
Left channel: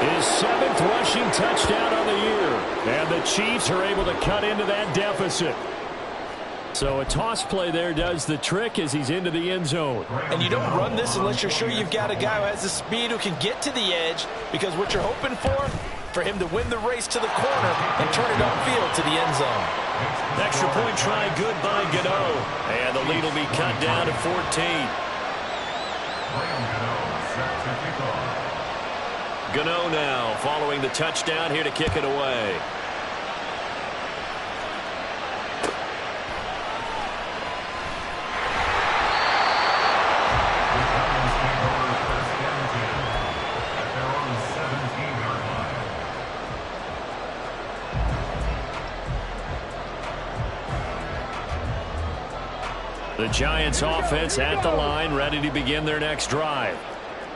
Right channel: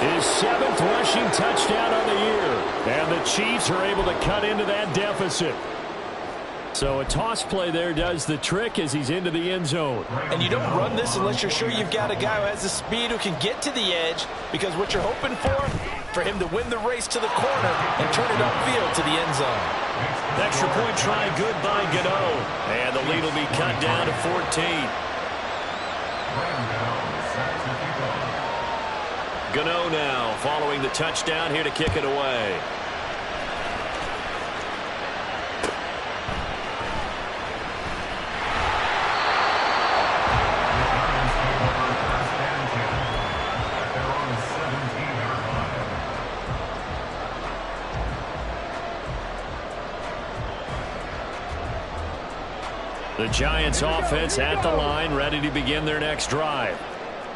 His 7th rushing touchdown on the year. And the Chiefs are able to cut into that deficit. So a toss play there does the trick as he's into the end zone. And you don't run this unless you're sure you've got a guy who has the speed who can get to the edge, because what you're hoping for him to win the race to the corner and turn it upfield to the end zone. Extra point try good by Gano. And the lead will be cut down to 14. Graham Gano set to kick off. Gano now following the touchdown here to kick it away. The Giants take over first and 10 at their own 17-yard line. The Giants offense at the line, ready to begin their next drive.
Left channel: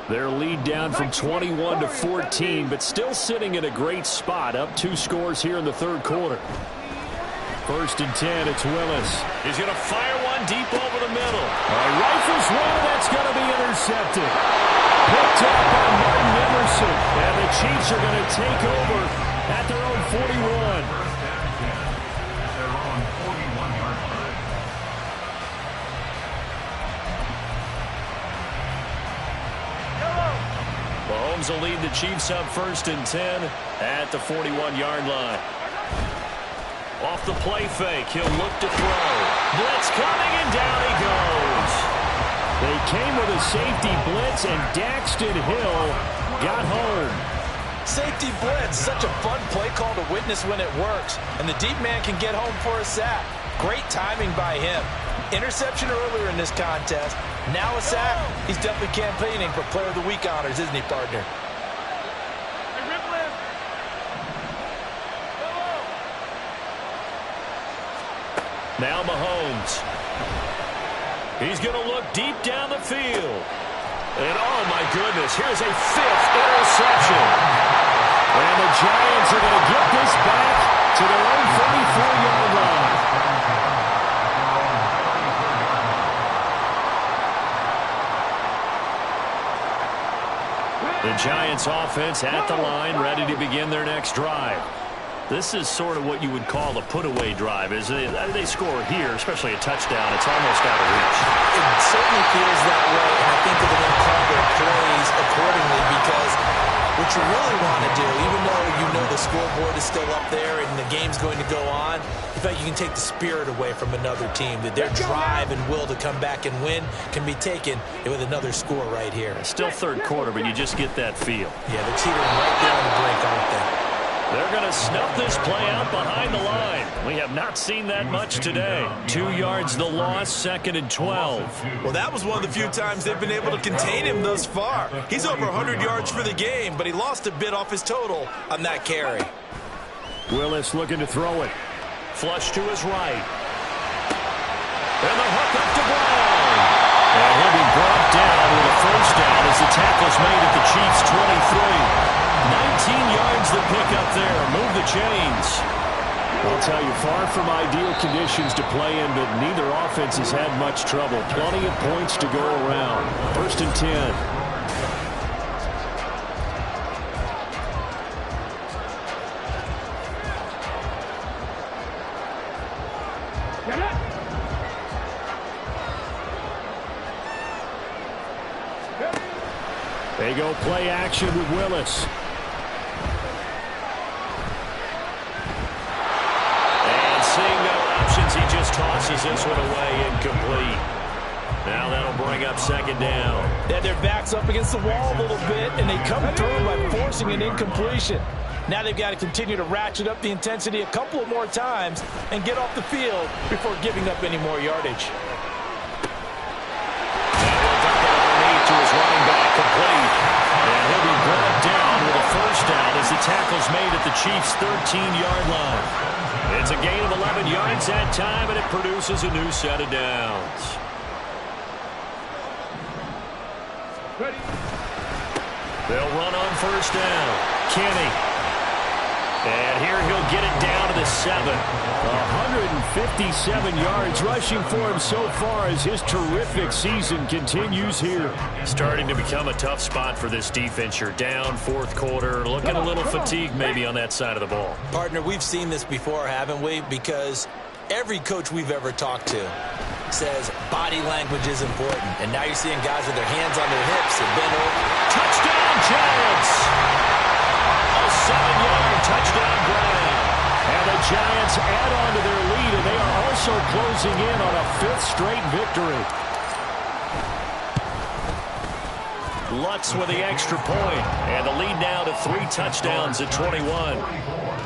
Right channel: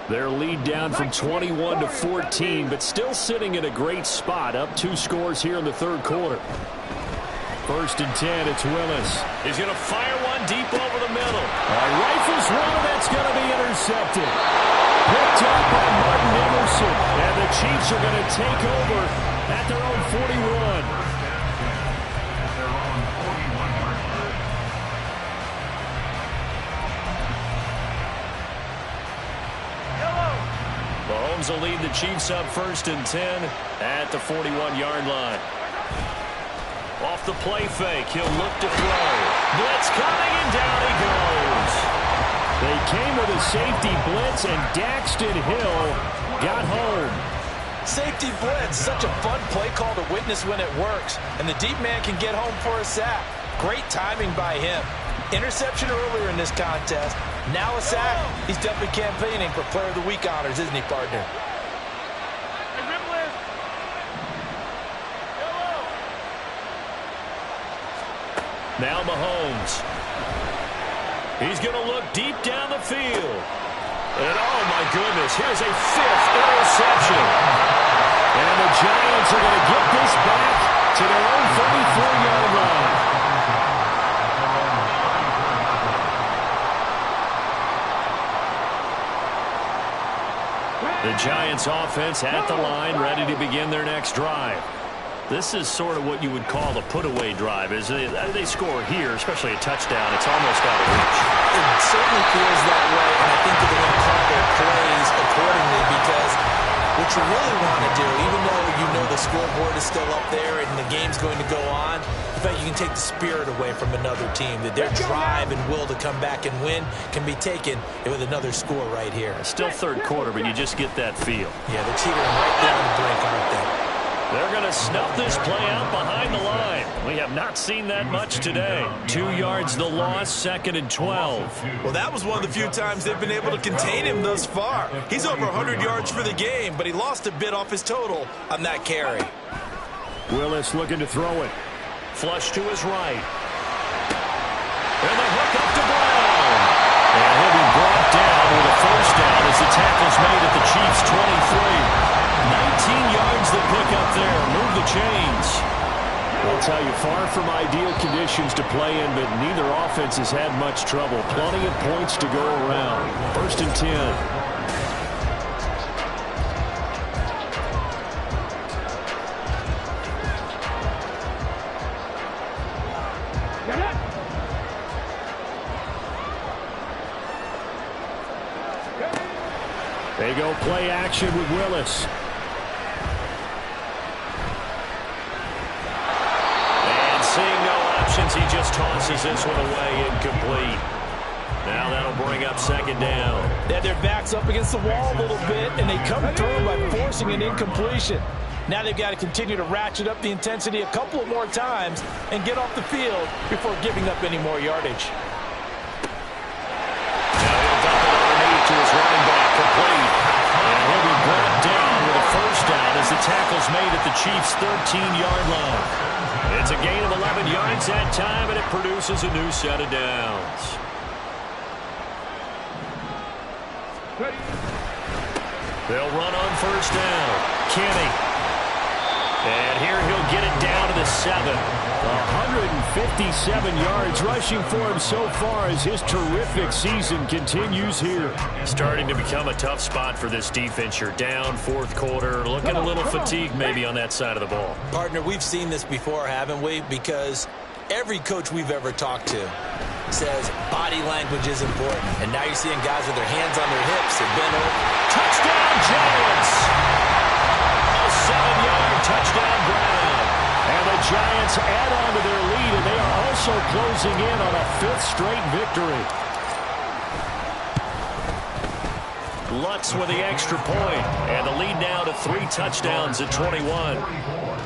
Their lead down from 21 to 14, but still sitting in a great spot, up 2 scores here in the third quarter. First and 10, it's Willis. He's going to fire one deep over the middle. Rifles one, and that's going to be intercepted. picked up by Martin Emerson. And the Chiefs are going to take over at their own 41. First down 10 at their own 41-yard line. Mahomes will lead the Chiefs up 1st and 10 at the 41-yard line. Off the play fake, he'll look to throw. Blitz coming, and down he goes. They came with a safety blitz, and Daxton Hill got home. Safety blitz, such a fun play call to witness when it works. And the deep man can get home for a sack. Great timing by him. Interception earlier in this contest. Now a sack. He's definitely campaigning for Player of the Week honors, isn't he, partner? Hey, Ripple. Yellow. Now Mahomes. He's going to look deep down the field. And oh my goodness, here's a 5th interception. And the Giants are going to get this back to their own 34-yard line. The Giants offense at the line, ready to begin their next drive. This is sort of what you would call a put-away drive. As they score here, especially a touchdown, it's almost out of reach. It certainly feels that way, and I think that they're going to call their plays accordingly, because what you really want to do, even though you know the scoreboard is still up there and the game's going to go on, in fact, you can take the spirit away from another team, that their drive and will to come back and win can be taken with another score right here. Still 3rd quarter, but you just get that feel. Yeah, they're teetering right there on the brink, aren't they? They're going to snuff this play out behind the line. We have not seen that much today. 2 yards the loss, 2nd and 12. Well, that was one of the few times they've been able to contain him thus far. He's over 100 yards for the game, but he lost a bit off his total on that carry. Willis looking to throw it. Flush to his right. And the hook up to Brown. And he'll be brought down with a 1st down as the tackle's made at the Chiefs' 23. 19 yards the pick up there. Move the chains. I'll tell you, far from ideal conditions to play in, but neither offense has had much trouble. Plenty of points to go around. 1st and 10. They go play action with Willis. And seeing no options, he just tosses this one away, incomplete. Now that'll bring up 2nd down. They had their backs up against the wall a little bit, and they come through by forcing an incompletion. Now they've got to continue to ratchet up the intensity a couple of more times and get off the field before giving up any more yardage. Now he'll dump it underneath to his running back, complete. And he'll be brought down with a 1st down as the tackle's made at the Chiefs' 13-yard line. It's a gain of 11 yards that time, and it produces a new set of downs. They'll run on 1st down. Kenny. And here he'll get it down to the 7. 157 yards rushing for him so far as his terrific season continues here. Starting to become a tough spot for this defense. You're down 4th quarter, looking a little fatigued maybe on that side of the ball. Partner, we've seen this before, haven't we? Because every coach we've ever talked to says body language is important. And now you're seeing guys with their hands on their hips and bent over. Touchdown, Giants! A 7-yard touchdown Brown. And the Giants add on to their lead, and they are also closing in on a 5th straight victory. Lutz with the extra point, and the lead now to 3 touchdowns at 21. 44,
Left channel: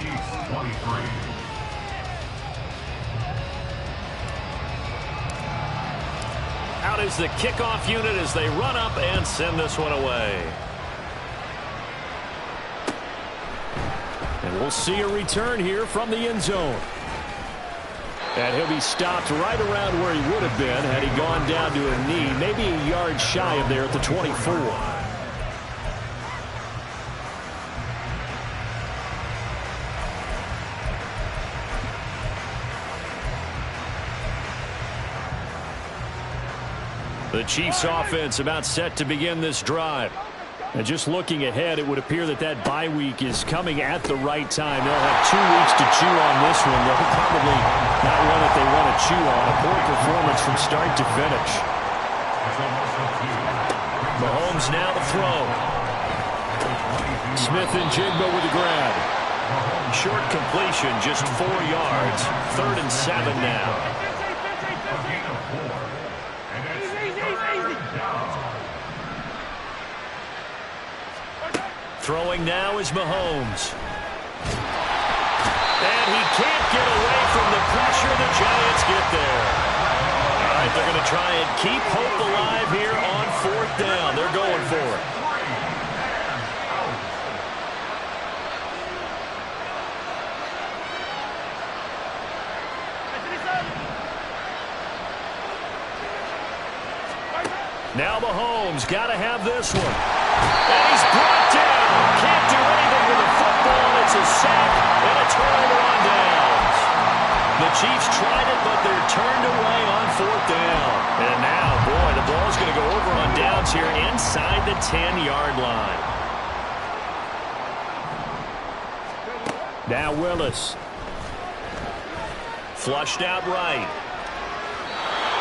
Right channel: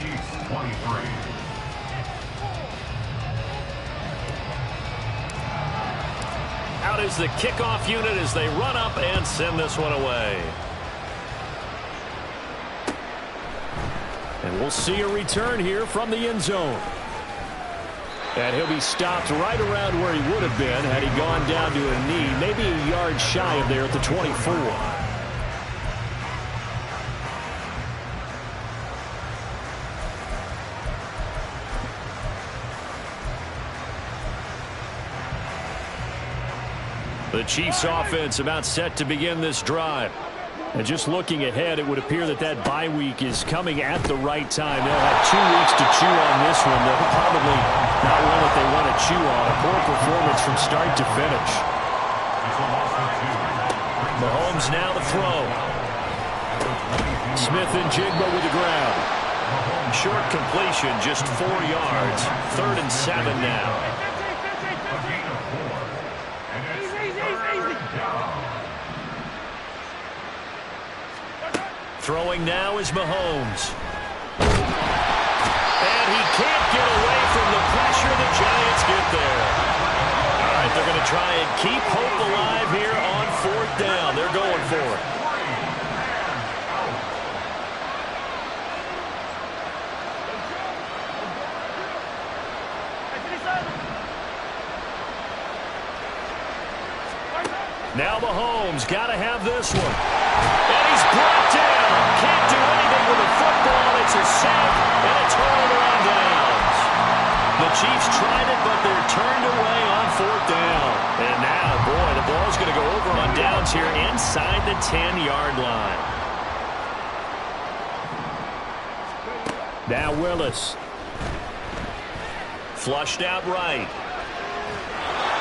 Chiefs 23. Out is the kickoff unit as they run up and send this one away. And we'll see a return here from the end zone. And he'll be stopped right around where he would have been had he gone down to a knee, maybe a yard shy of there at the 24. The Chiefs offense about set to begin this drive. And just looking ahead, it would appear that that bye week is coming at the right time. They'll have 2 weeks to chew on this one. They'll probably not one that they want to chew on. A poor performance from start to finish. Mahomes now to throw. Smith and Jigba with the grab. Short completion, just 4 yards. 3rd and 7 now. Throwing now is Mahomes. And he can't get away from the pressure. The Giants get there. All right, they're going to try and keep hope alive here on 4th down. They're going for it. Now Mahomes got to have this one. And he's brought down. Can't do anything with the football. It's a sack and a turnover on downs. The Chiefs tried it, but they're turned away on 4th down. And now, boy, the ball's going to go over on downs here inside the 10-yard line. Now Willis. Flushed out right.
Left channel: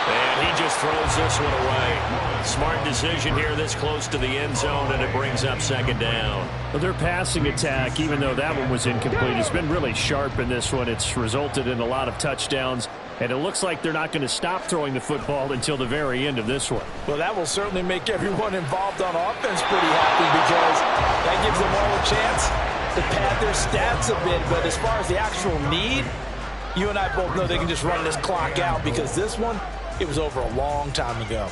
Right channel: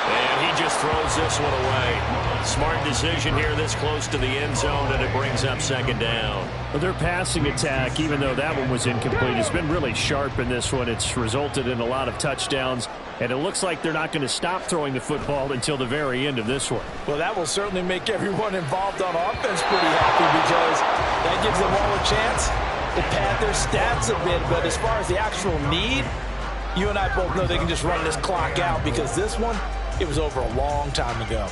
And he just throws this one away. Smart decision here this close to the end zone, and it brings up 2nd down. Well, their passing attack, even though that one was incomplete, has been really sharp in this one. It's resulted in a lot of touchdowns, and it looks like they're not going to stop throwing the football until the very end of this one. Well, that will certainly make everyone involved on offense pretty happy because that gives them all a chance to pad their stats a bit. But as far as the actual need, you and I both know they can just run this clock out because this one, it was over a long time ago.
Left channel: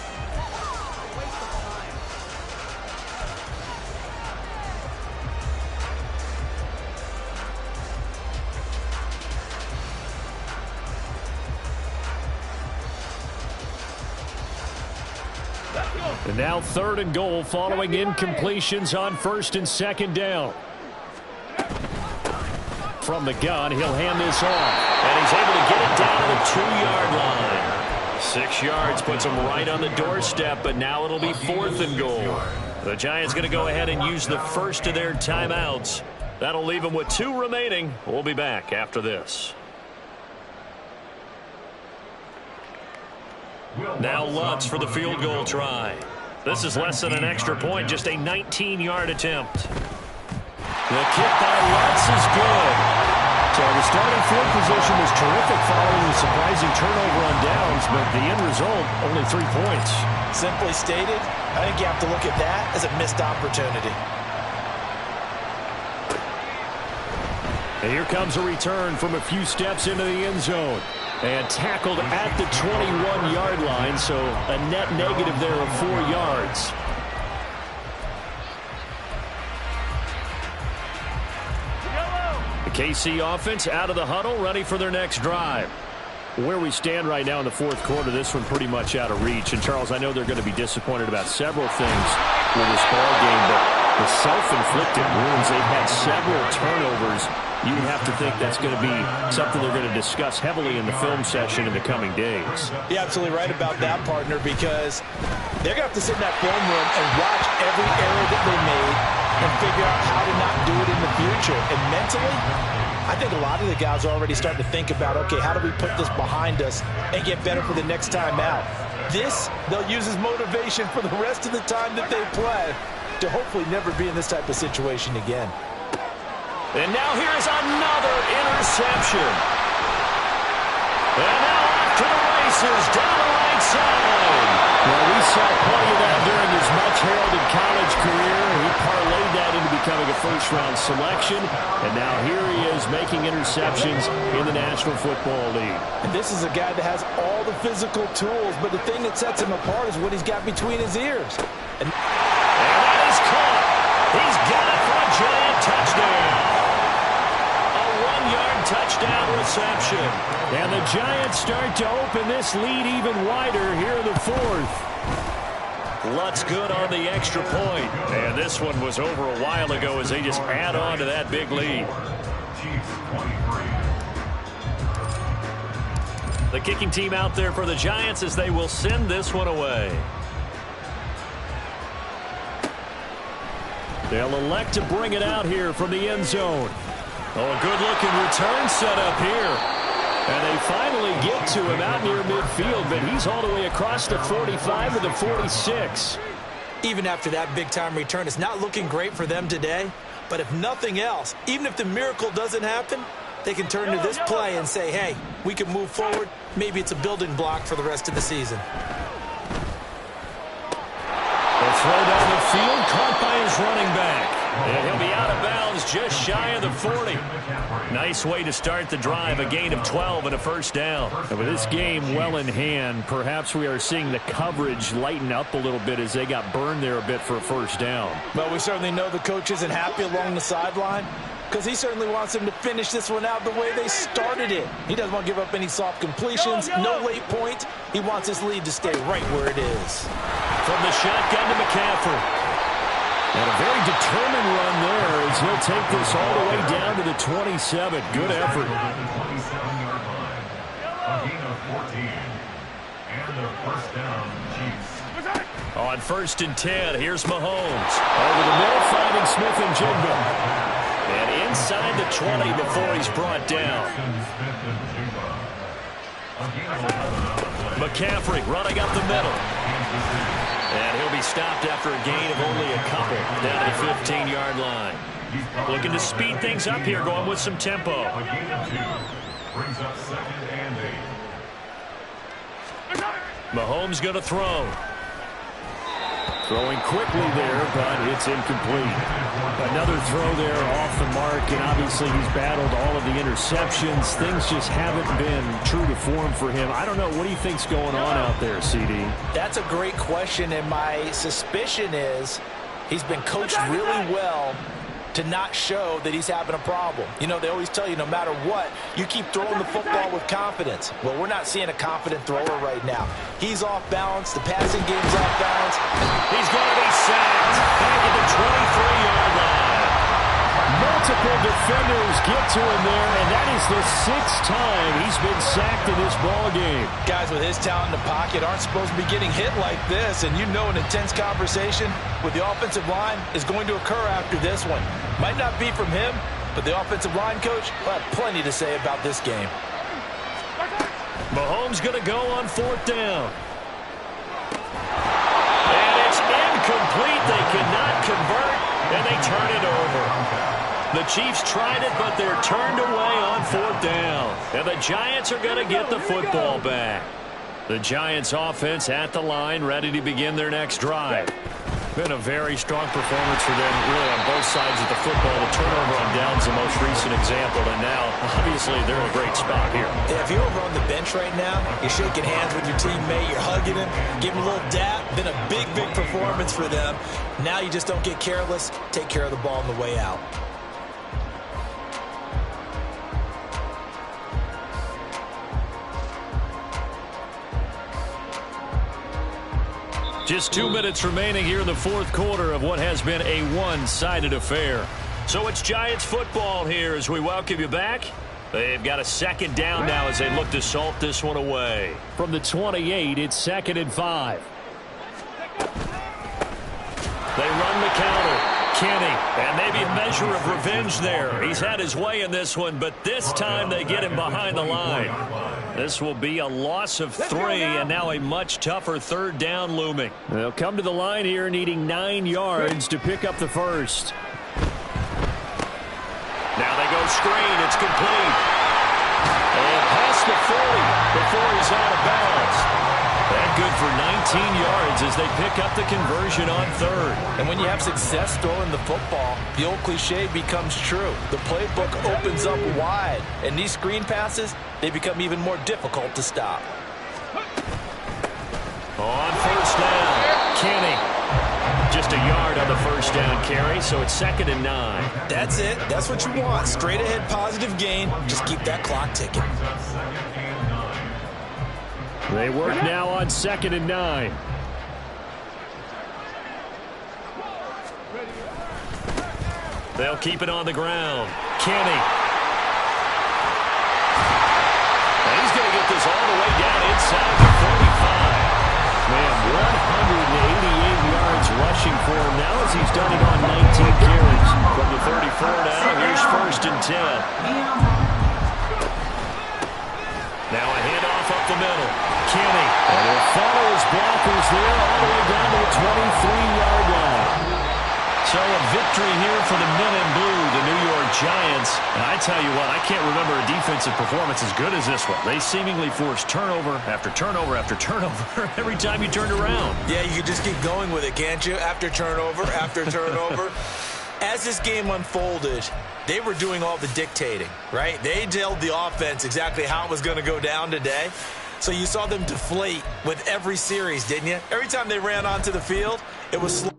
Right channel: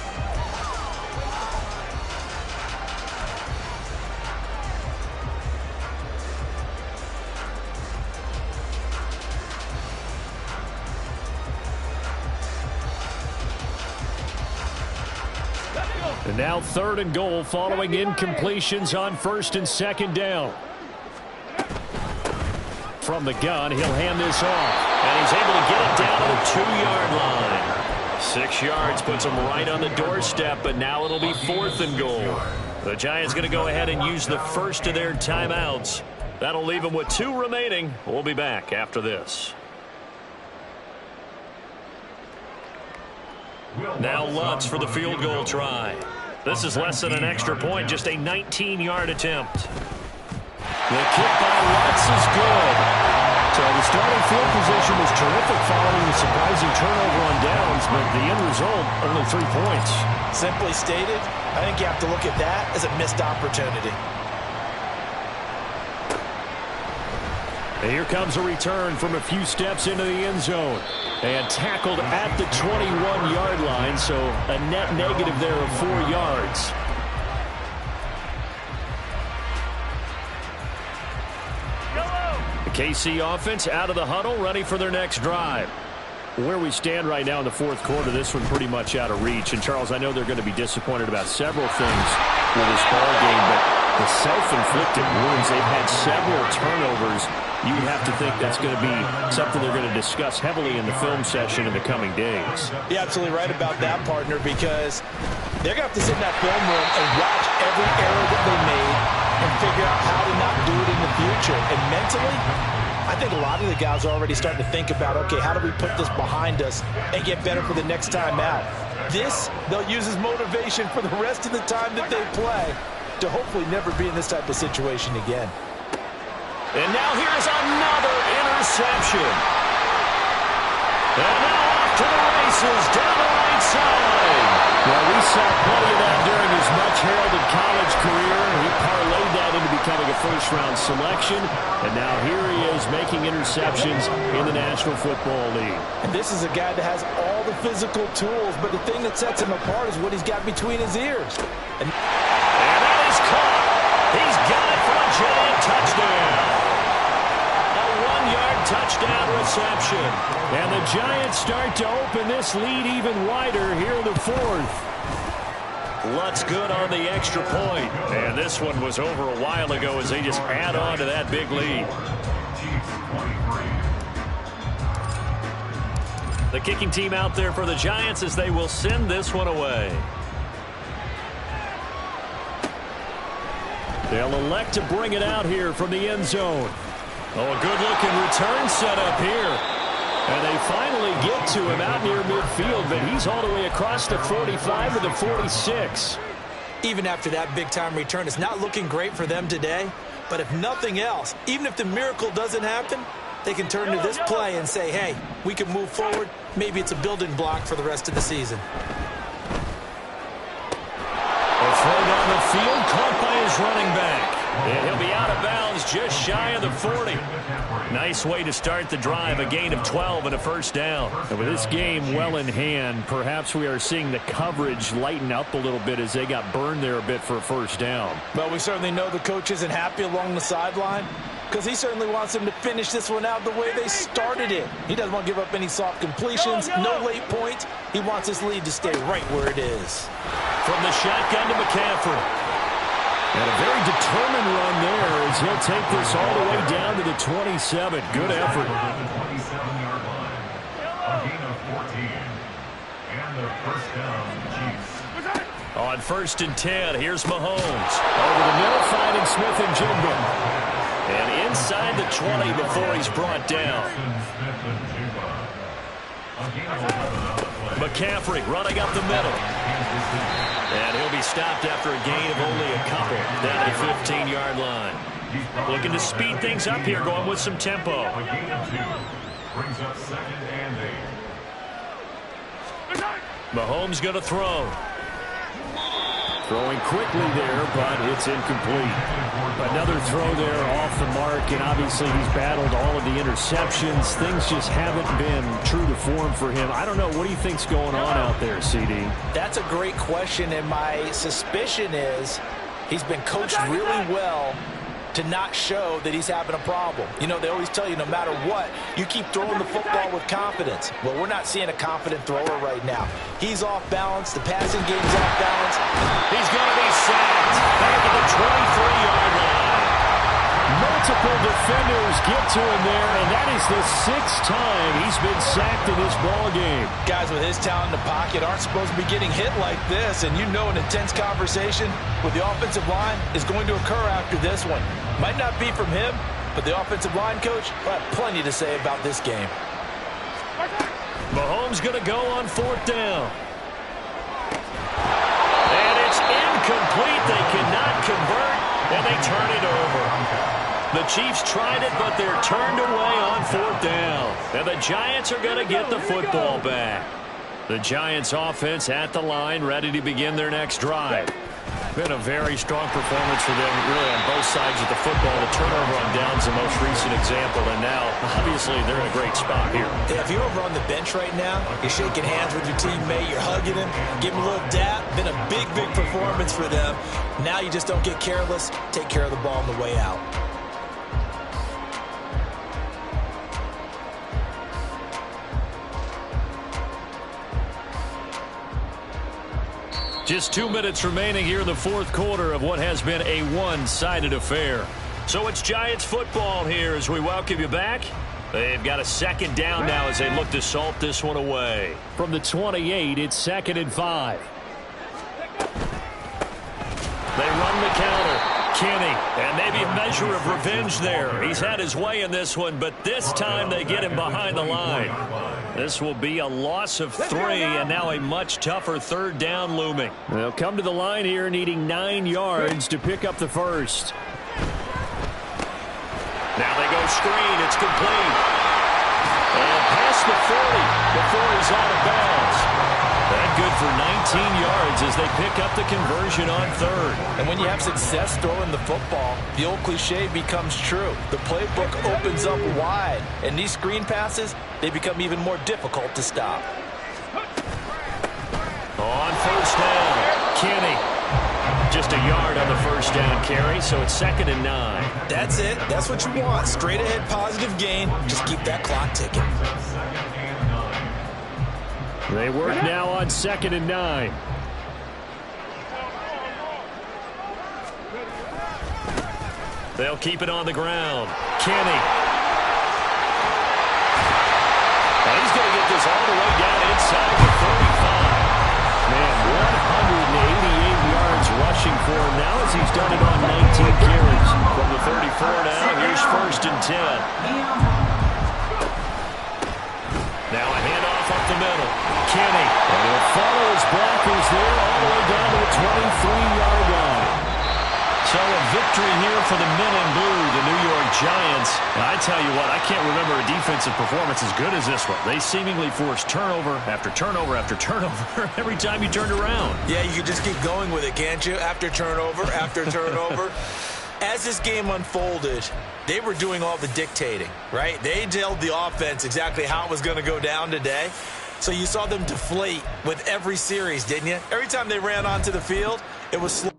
And now 3rd and goal following incompletions on 1st and 2nd down. From the gun, he'll hand this off. And he's able to get it down to the 2-yard line. 6 yards puts him right on the doorstep, but now it'll be 4th and goal. The Giants going to go ahead and use the first of their timeouts. That'll leave them with 2 remaining. We'll be back after this. Now Lutz for the field goal try. This is less than an extra point, just a 19-yard attempt. The kick by Lutz is good. So the starting field position was terrific following the surprising turnover on downs, but the end result, only 3 points. Simply stated, I think you have to look at that as a missed opportunity. And here comes a return from a few steps into the end zone. And tackled at the 21-yard line, so a net negative there of 4 yards. The KC offense out of the huddle, ready for their next drive. Where we stand right now in the 4th quarter, this one pretty much out of reach. And, Charles, I know they're going to be disappointed about several things with this ball game, but the self-inflicted wounds, they've had several turnovers. You have to think that's going to be something they're going to discuss heavily in the film session in the coming days. You're absolutely right about that, partner, because they're going to have to sit in that film room and watch every error that they made and figure out how to not do it in the future. And mentally, I think a lot of the guys are already starting to think about, okay, how do we put this behind us and get better for the next time out? This, they'll use as motivation for the rest of the time that they play to hopefully never be in this type of situation again. And now here is another interception. And now off to the races down the right side. Well, we saw plenty of that during his much-heralded college career. He parlayed that into becoming a first-round selection. And now here he is making interceptions in the National Football League. And this is a guy that has all the physical tools, but the thing that sets him apart is what he's got between his ears. And that is caught. He's got it for a Giant touchdown. A 1-yard touchdown reception. And the Giants start to open this lead even wider here in the 4th. Lutz good on the extra point. And this one was over a while ago as they just add on to that big lead. The kicking team out there for the Giants as they will send this one away. They'll elect to bring it out here from the end zone. Oh, a good-looking return set up here. And they finally get to him out near midfield, but he's all the way across the 45 to the 46. Even after that big-time return, it's not looking great for them today. But if nothing else, even if the miracle doesn't happen, they can turn to this play and say, hey, we can move forward. Maybe it's a building block for the rest of the season. A throw down the field, caught by his running back. And he'll be out of bounds just shy of the 40. Nice way to start the drive, a gain of 12 and a first down. And with this game well in hand, perhaps we are seeing the coverage lighten up a little bit as they got burned there a bit for a first down. Well, we certainly know the coach isn't happy along the sideline because he certainly wants them to finish this one out the way they started it. He doesn't want to give up any soft completions, no late points. He wants his lead to stay right where it is. From the shotgun to McCaffrey. And a very determined run there as he'll take this all the way down to the 27. Good effort. The 27-yard line. A gain of 14. And a first down, Chiefs. On 1st and 10, here's Mahomes. Over the middle, finding Smith and Jigba. And inside the 20 before he's brought down. McCaffrey running up the middle. And he'll be stopped after a gain of only a couple down to the 15-yard line. Looking to speed things up here, going with some tempo. A gain of 2. Brings up 2nd and 8. Mahomes going to throw. Throwing quickly there, but it's incomplete. Another throw there off the mark, and obviously he's battled all of the interceptions. Things just haven't been true to form for him. I don't know. What do you think's going on out there, CD? That's a great question, and my suspicion is he's been coached really well to not show that he's having a problem. You know, they always tell you no matter what, you keep throwing the football with confidence. Well, we're not seeing a confident thrower right now. He's off balance. The passing game's off balance. He's going to be sacked back at the 23-yard line. Multiple defenders get to him there, and that is the 6th time he's been sacked in this ball game. Guys with his talent in the pocket aren't supposed to be getting hit like this, and you know an intense conversation with the offensive line is going to occur after this one. Might not be from him, but the offensive line coach will have plenty to say about this game. Mahomes going to go on 4th down. And it's incomplete. They cannot convert, and they turn it over. The Chiefs tried it, but they're turned away on 4th down. And the Giants are going to get the football back. The Giants offense at the line, ready to begin their next drive. Been a very strong performance for them, really, on both sides of the football. The turnover on downs the most recent example, and now, obviously, they're in a great spot here. Yeah, if you're over on the bench right now, you're shaking hands with your teammate, you're hugging him, give him a little dap. Been a big, big performance for them. Now you just don't get careless. Take care of the ball on the way out. Just 2 minutes remaining here in the 4th quarter of what has been a one-sided affair. So it's Giants football here as we welcome you back. They've got a 2nd down now as they look to salt this one away. From the 28, it's 2nd and 5. They run the counter. Kenny, and maybe a measure of revenge there. He's had his way in this one, but this time they get him behind the line. This will be a loss of 3, and now a much tougher 3rd down looming. They'll come to the line here needing 9 yards to pick up the first. Now they go screen. It's complete. And past the 40 before he's out of bounds. That good for 19 yards as they pick up the conversion on 3rd. And when you have success throwing the football, the old cliche becomes true. The playbook opens up wide, and these screen passes, they become even more difficult to stop. On 1st down, Kenny. Just a yard on the 1st down carry, so it's 2nd and 9. That's it. That's what you want. Straight ahead positive gain. Just keep that clock ticking. They work now on 2nd and 9. They'll keep it on the ground. Kenny. And he's going to get this all the way down inside the 35. Man, 188 yards rushing for him now as he's done it on 19 carries. 1st and 10. Now a handoff up the middle. Kenny. And he'll follow his blockers there all the way down to the 23-yard line. So a victory here for the men in blue, the New York Giants. And I tell you what, I can't remember a defensive performance as good as this one. They seemingly forced turnover after turnover after turnover every time you turned around. Yeah, you could just keep going with it, can't you? After turnover, after turnover. As this game unfolded, they were doing all the dictating, right? They told the offense exactly how it was going to go down today. So you saw them deflate with every series, didn't you? Every time they ran onto the field, it was slow.